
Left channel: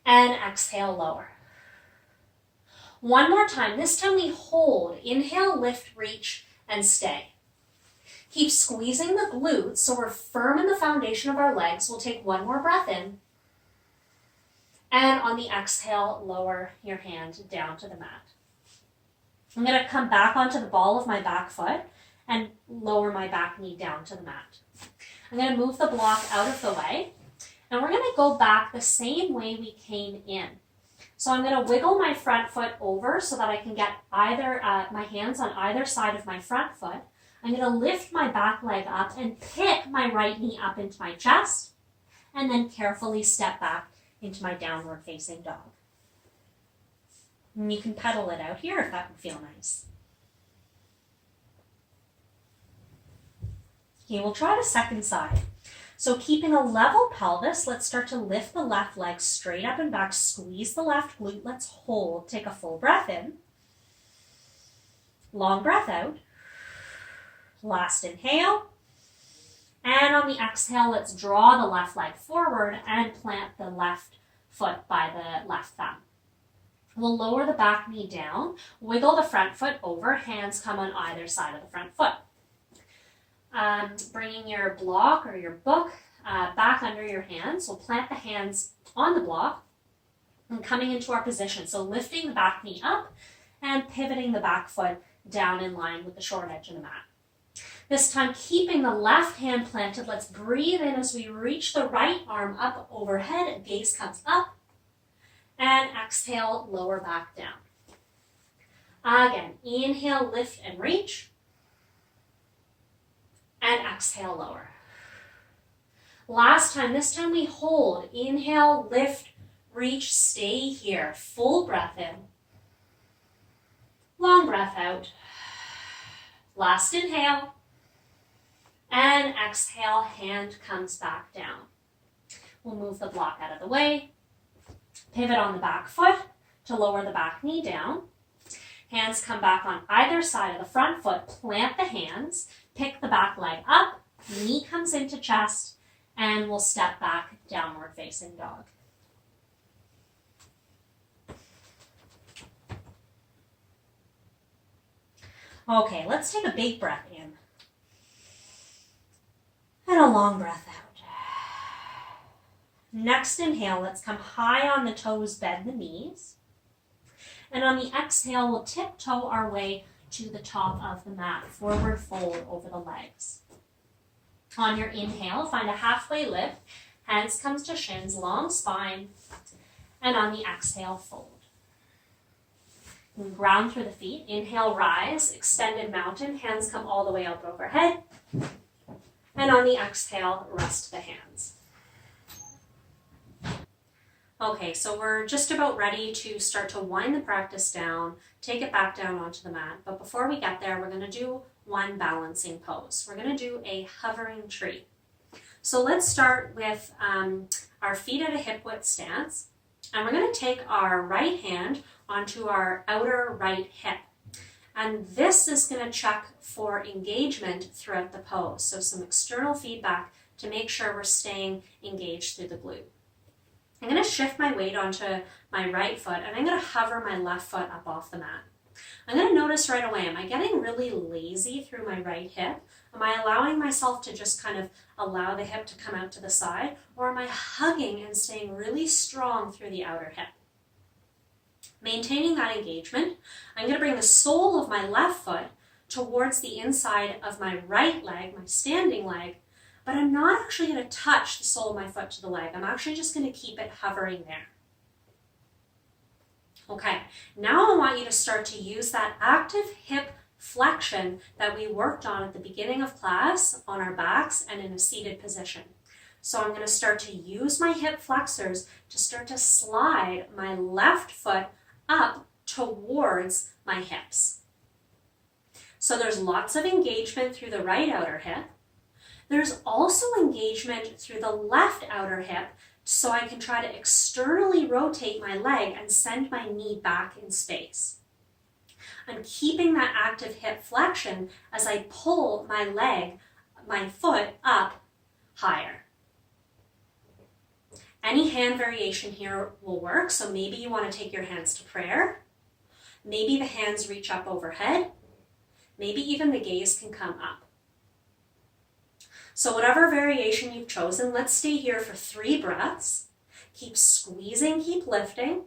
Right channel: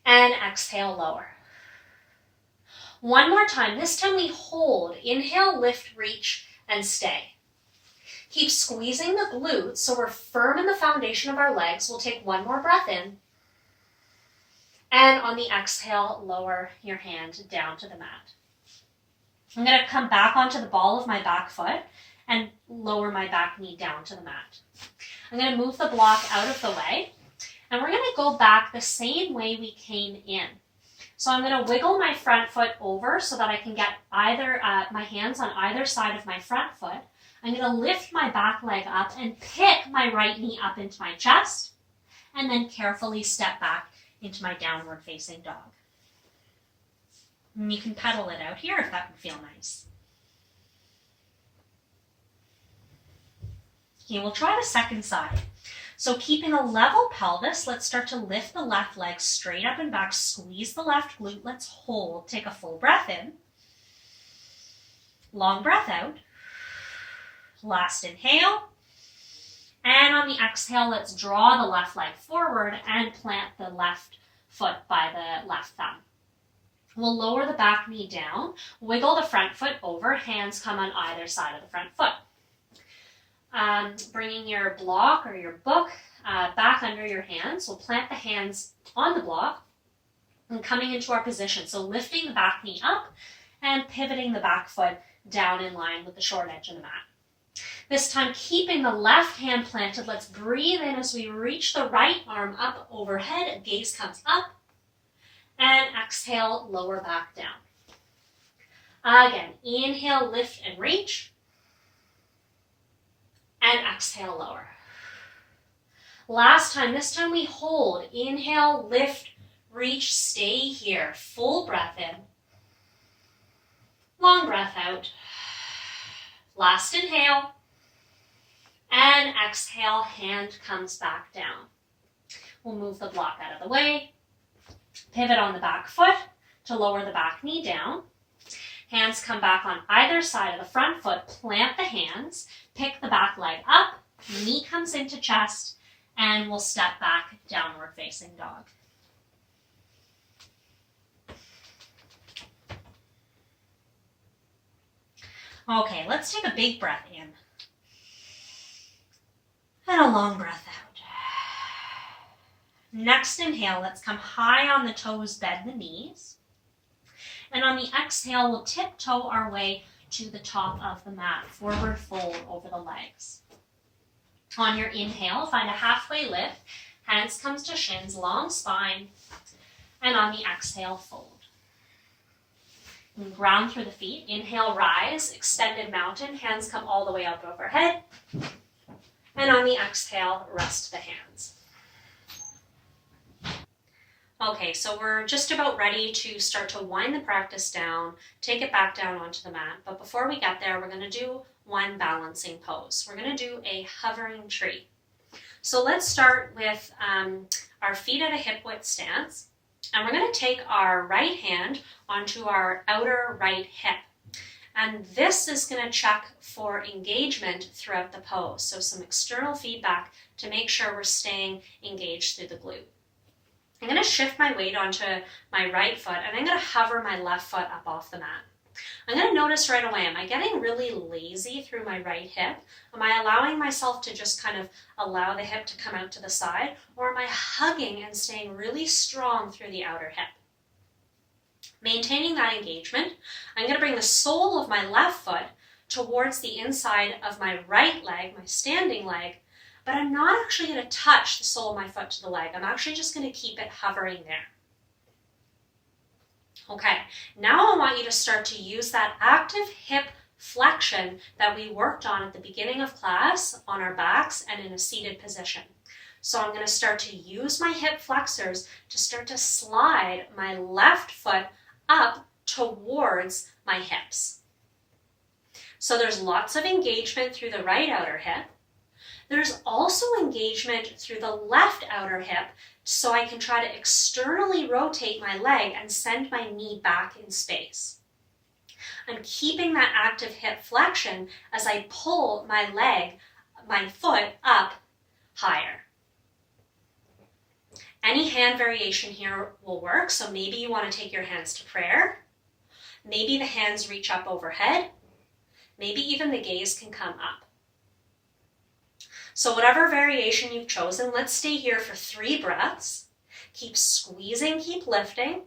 And exhale, lower. One more time. This time we hold. Inhale, lift, reach, and stay. Keep squeezing the glutes so we're firm in the foundation of our legs. We'll take one more breath in. And on the exhale, lower your hand down to the mat. I'm going to come back onto the ball of my back foot and lower my back knee down to the mat. I'm going to move the block out of the way. And we're going to go back the same way we came in. So I'm going to wiggle my front foot over so that I can get my hands on either side of my front foot. I'm going to lift my back leg up and pick my right knee up into my chest, and then carefully step back into my downward facing dog. And you can pedal it out here if that would feel nice. Okay, we'll try the second side. So keeping a level pelvis, let's start to lift the left leg straight up and back, squeeze the left glute, let's hold, take a full breath in, long breath out, last inhale, and on the exhale, let's draw the left leg forward and plant the left foot by the left thumb. We'll lower the back knee down, wiggle the front foot over, hands come on either side of the front foot. Bringing your block or your book back under your hands. We'll plant the hands on the block and coming into our position. So lifting the back knee up and pivoting the back foot down in line with the short edge of the mat. This time keeping the left hand planted. Let's breathe in as we reach the right arm up overhead. Gaze comes up. And exhale, lower back down. Again, inhale, lift and reach. And exhale, lower. Last time, this time we hold. Inhale, lift, reach, stay here. Full breath in. Long breath out. Last inhale. And exhale, hand comes back down. We'll move the block out of the way. Pivot on the back foot to lower the back knee down. Hands come back on either side of the front foot. Plant the hands. Pick the back leg up. Knee comes into chest. And we'll step back, downward facing dog. Okay, let's take a big breath in. And a long breath out. Next inhale, let's come high on the toes, bend the knees. And on the exhale, we'll tiptoe our way to the top of the mat, forward fold over the legs. On your inhale, find a halfway lift. Hands comes to shins, long spine. And on the exhale, fold. And ground through the feet. Inhale, rise, extended mountain. Hands come all the way up overhead. And on the exhale, rest the hands. Okay, so we're just about ready to start to wind the practice down, take it back down onto the mat. But before we get there, we're going to do one balancing pose. We're going to do a hovering tree. So let's start with our feet at a hip width stance. And we're going to take our right hand onto our outer right hip. And this is going to check for engagement throughout the pose. So some external feedback to make sure we're staying engaged through the glute. I'm going to shift my weight onto my right foot and I'm going to hover my left foot up off the mat. I'm going to notice right away, am I getting really lazy through my right hip? Am I allowing myself to just kind of allow the hip to come out to the side? Or am I hugging and staying really strong through the outer hip? Maintaining that engagement, I'm going to bring the sole of my left foot towards the inside of my right leg, my standing leg, but I'm not actually going to touch the sole of my foot to the leg. I'm actually just going to keep it hovering there. Okay, now I want you to start to use that active hip flexion that we worked on at the beginning of class on our backs and in a seated position. So I'm going to start to use my hip flexors to start to slide my left foot up towards my hips. So there's lots of engagement through the right outer hip. There's also engagement through the left outer hip, so I can try to externally rotate my leg and send my knee back in space. I'm keeping that active hip flexion as I pull my foot up higher. Any hand variation here will work, so maybe you want to take your hands to prayer. Maybe the hands reach up overhead. Maybe even the gaze can come up. So whatever variation you've chosen, let's stay here for 3 breaths. Keep squeezing, keep lifting.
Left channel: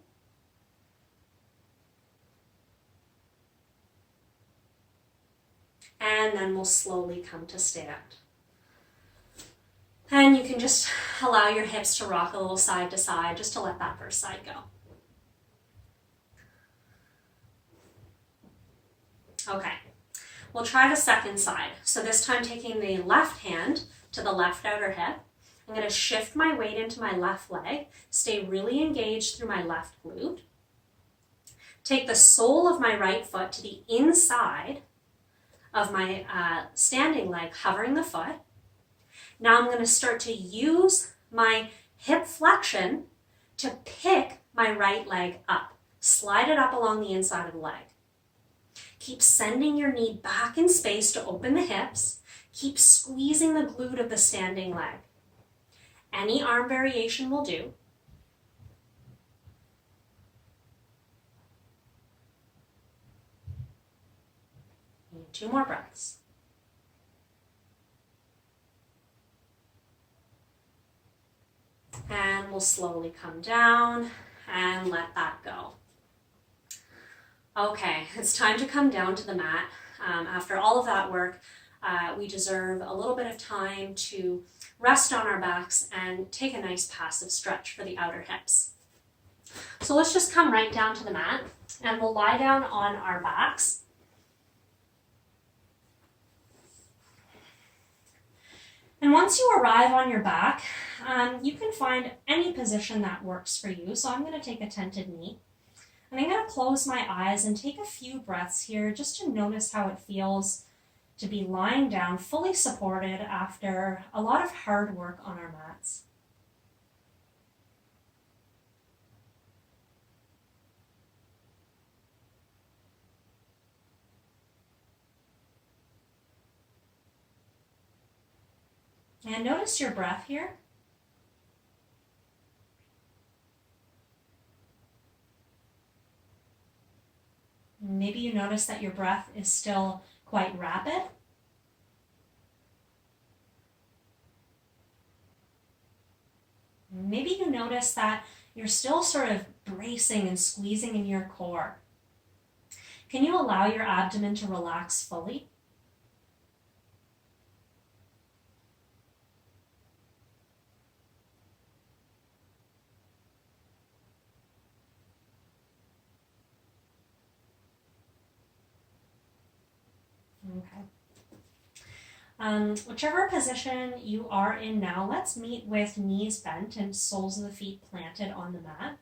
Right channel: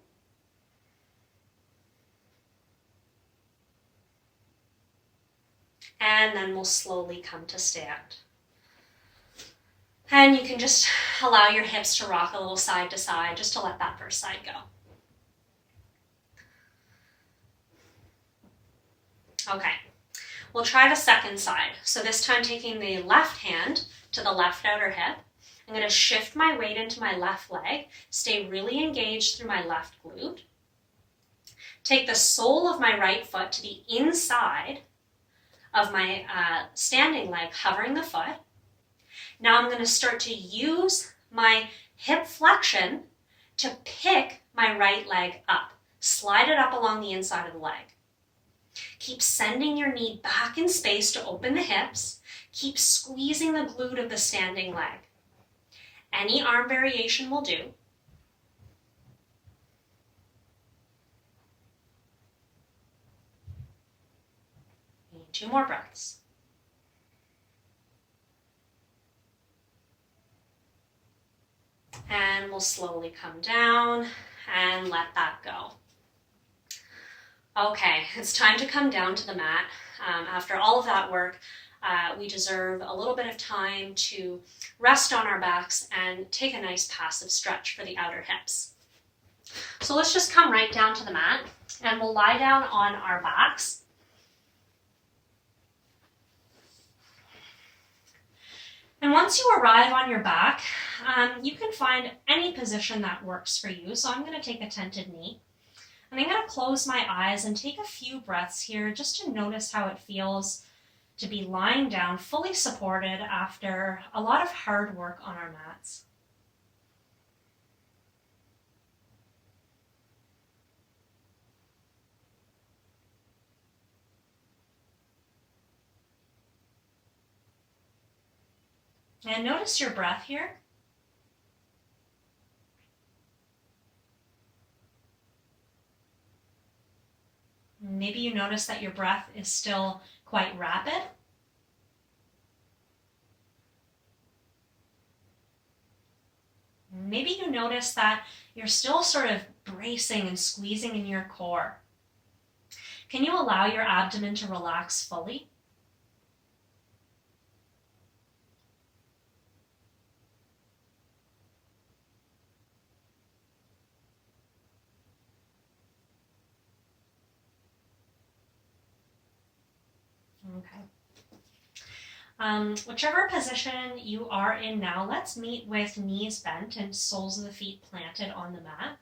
And then we'll slowly come to stand. And you can just allow your hips to rock a little side to side, just to let that first side go. Okay, we'll try the second side. So this time taking the left hand to the left outer hip. I'm going to shift my weight into my left leg, stay really engaged through my left glute. Take the sole of my right foot to the inside of my standing leg, hovering the foot. Now I'm going to start to use my hip flexion to pick my right leg up. Slide it up along the inside of the leg. Keep sending your knee back in space to open the hips. Keep squeezing the glute of the standing leg. Any arm variation will do. 2 more breaths. And we'll slowly come down and let that go. Okay, it's time to come down to the mat. After all of that work, we deserve a little bit of time to rest on our backs and take a nice passive stretch for the outer hips. So let's just come right down to the mat and we'll lie down on our backs. And once you arrive on your back, you can find any position that works for you. So I'm going to take a tented knee. And I'm going to close my eyes and take a few breaths here just to notice how it feels to be lying down fully supported after a lot of hard work on our mats. And notice your breath here. Maybe you notice that your breath is still quite rapid. Maybe you notice that you're still sort of bracing and squeezing in your core. Can you allow your abdomen to relax fully? Okay. Whichever position you are in now, let's meet with knees bent and soles of the feet planted on the mat.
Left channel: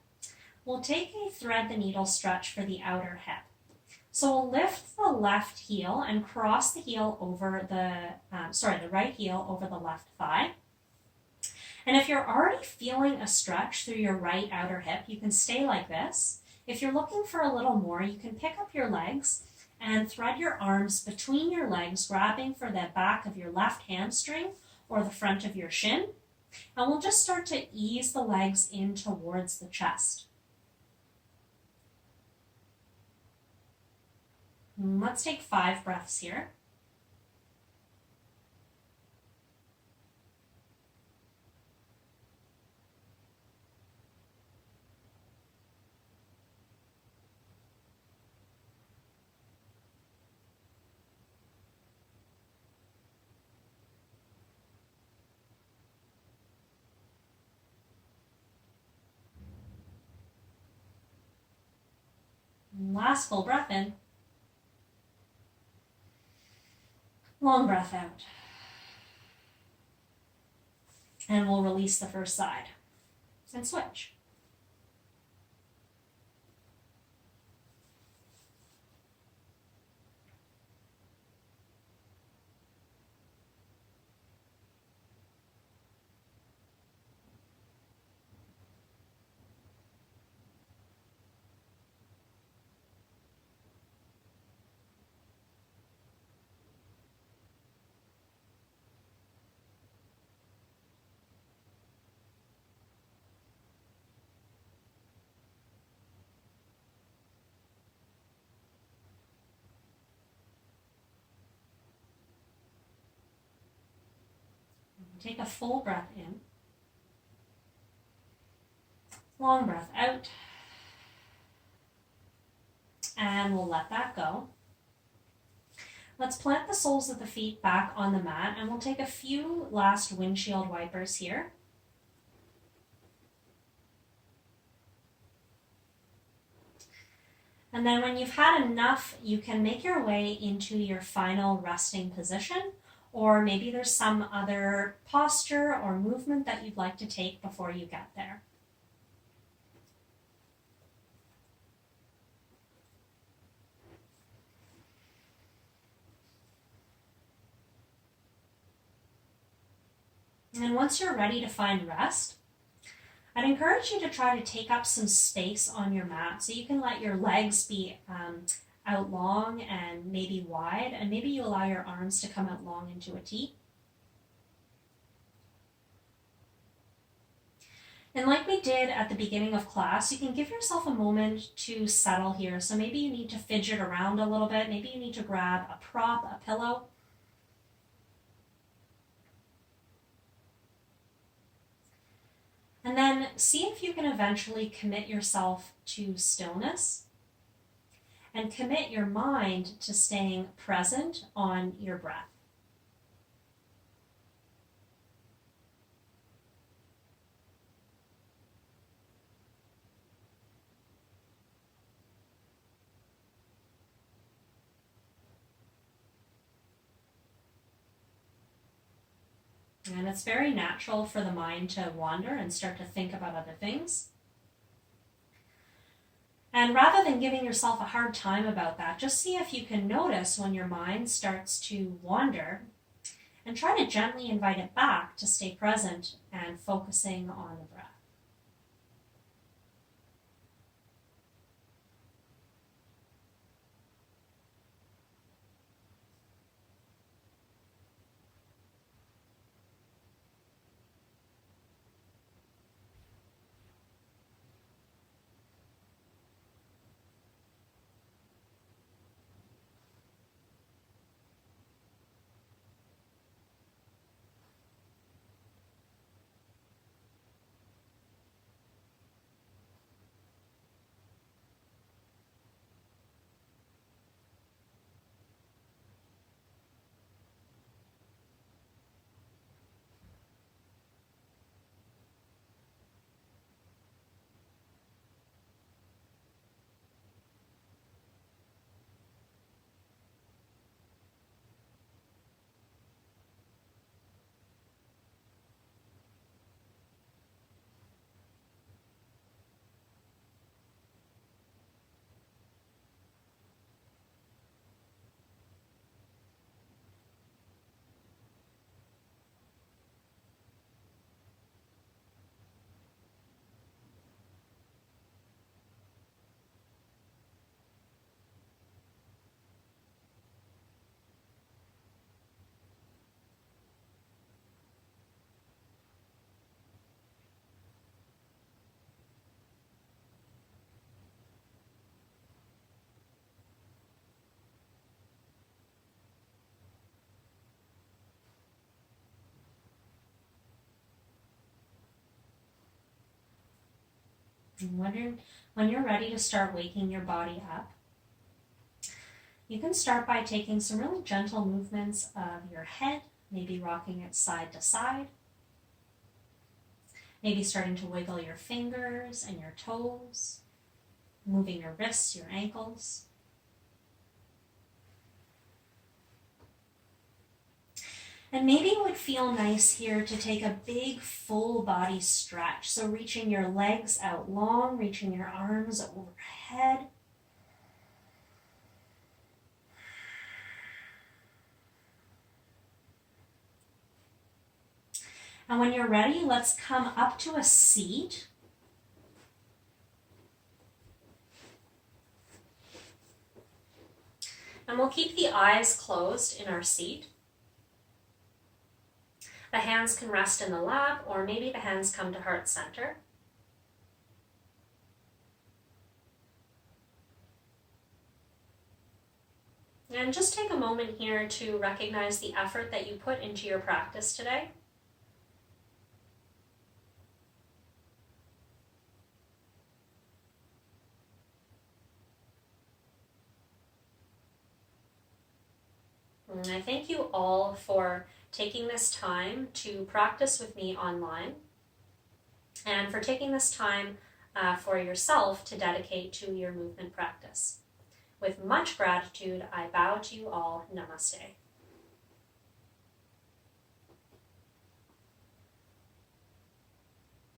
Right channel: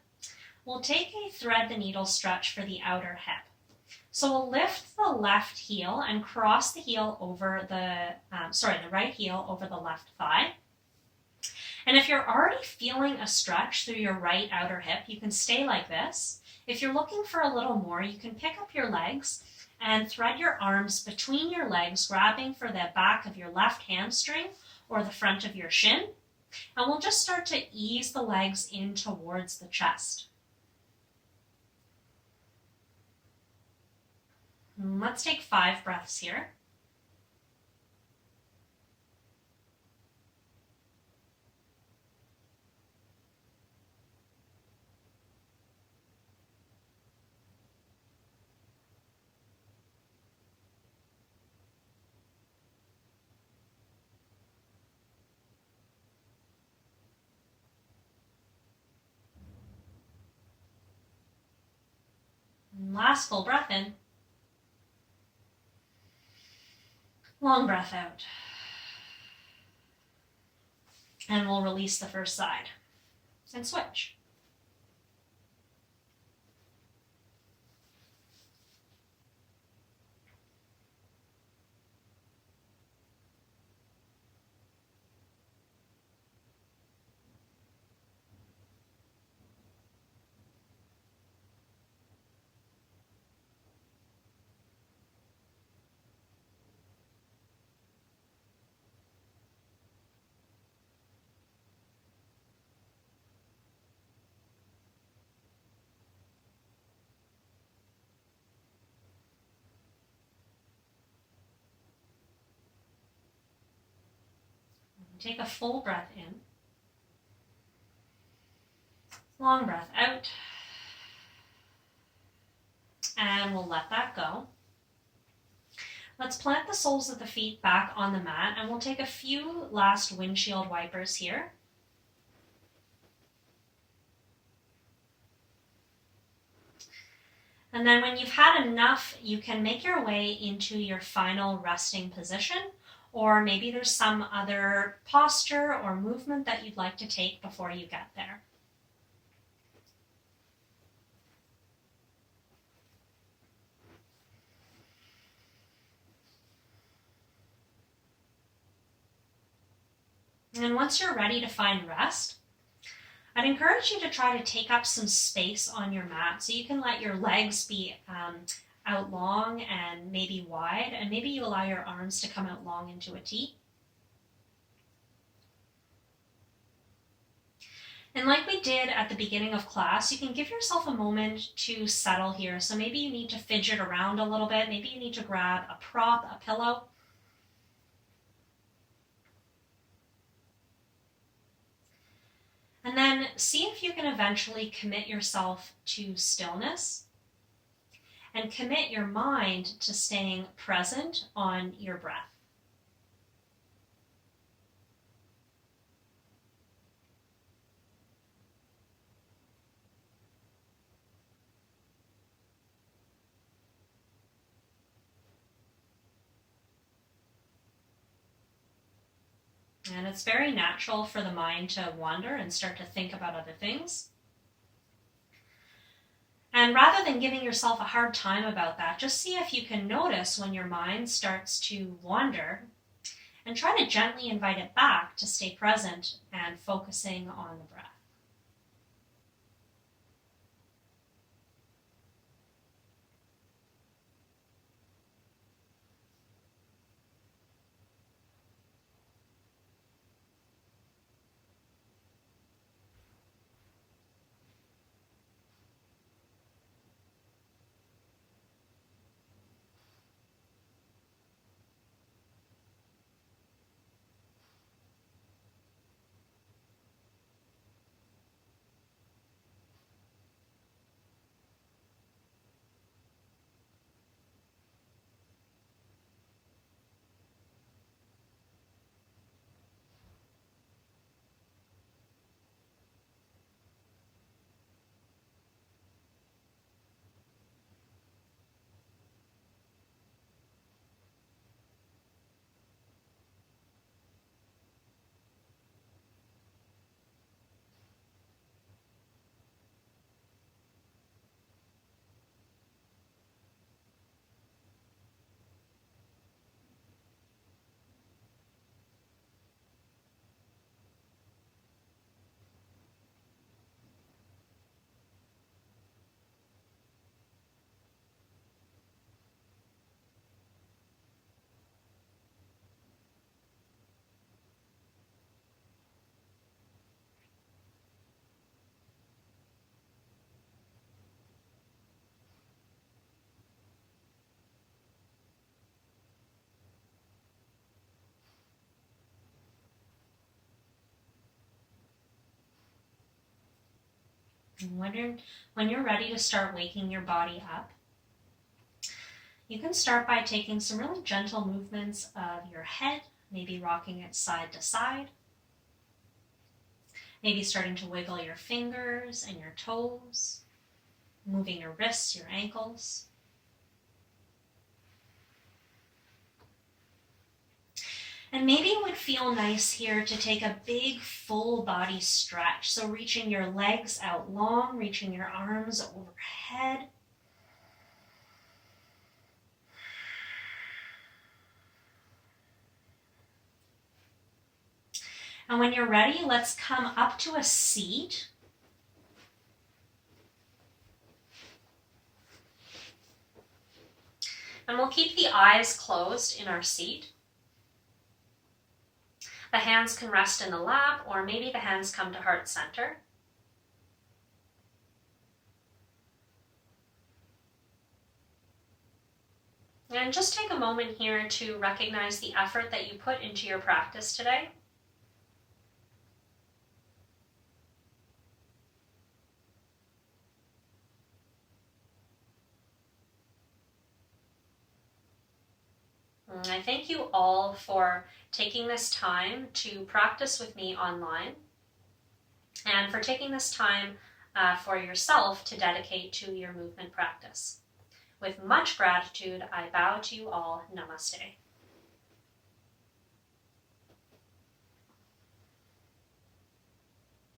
We'll take a thread the needle stretch for the outer hip. So we'll lift the left heel and cross the heel over the right heel over the left thigh. And if you're already feeling a stretch through your right outer hip, you can stay like this. If you're looking for a little more, you can pick up your legs and thread your arms between your legs, grabbing for the back of your left hamstring or the front of your shin. And we'll just start to ease the legs in towards the chest. And let's take 5 breaths here. Last full breath in. Long breath out. And we'll release the first side and switch. Take a full breath in, long breath out, and we'll let that go. Let's plant the soles of the feet back on the mat, and we'll take a few last windshield wipers here. And then when you've had enough, you can make your way into your final resting position, or maybe there's some other posture or movement that you'd like to take before you get there. And once you're ready to find rest, I'd encourage you to try to take up some space on your mat. So you can let your legs be out long and maybe wide, and maybe you allow your arms to come out long into a T. And like we did at the beginning of class, you can give yourself a moment to settle here. So maybe you need to fidget around a little bit. Maybe you need to grab a prop, a pillow. And then see if you can eventually commit yourself to stillness and commit your mind to staying present on your breath. And it's very natural for the mind to wander and start to think about other things. And rather than giving yourself a hard time about that, just see if you can notice when your mind starts to wander and try to gently invite it back to stay present and focusing on the breath. And when you're ready to start waking your body up, you can start by taking some really gentle movements of your head, maybe rocking it side to side, maybe starting to wiggle your fingers and your toes, moving your wrists, your ankles. And maybe it would feel nice here to take a big full body stretch. So reaching your legs out long, reaching your arms overhead. And when you're ready, let's come up to a seat. And we'll keep the eyes closed in our seat. The hands can rest in the lap, or maybe the hands come to heart center. And just take a moment here to recognize the effort that you put into your practice today. I thank you all for taking this time to practice with me online and for taking this time for yourself to dedicate to your movement practice. With much gratitude, I bow to you all. Namaste.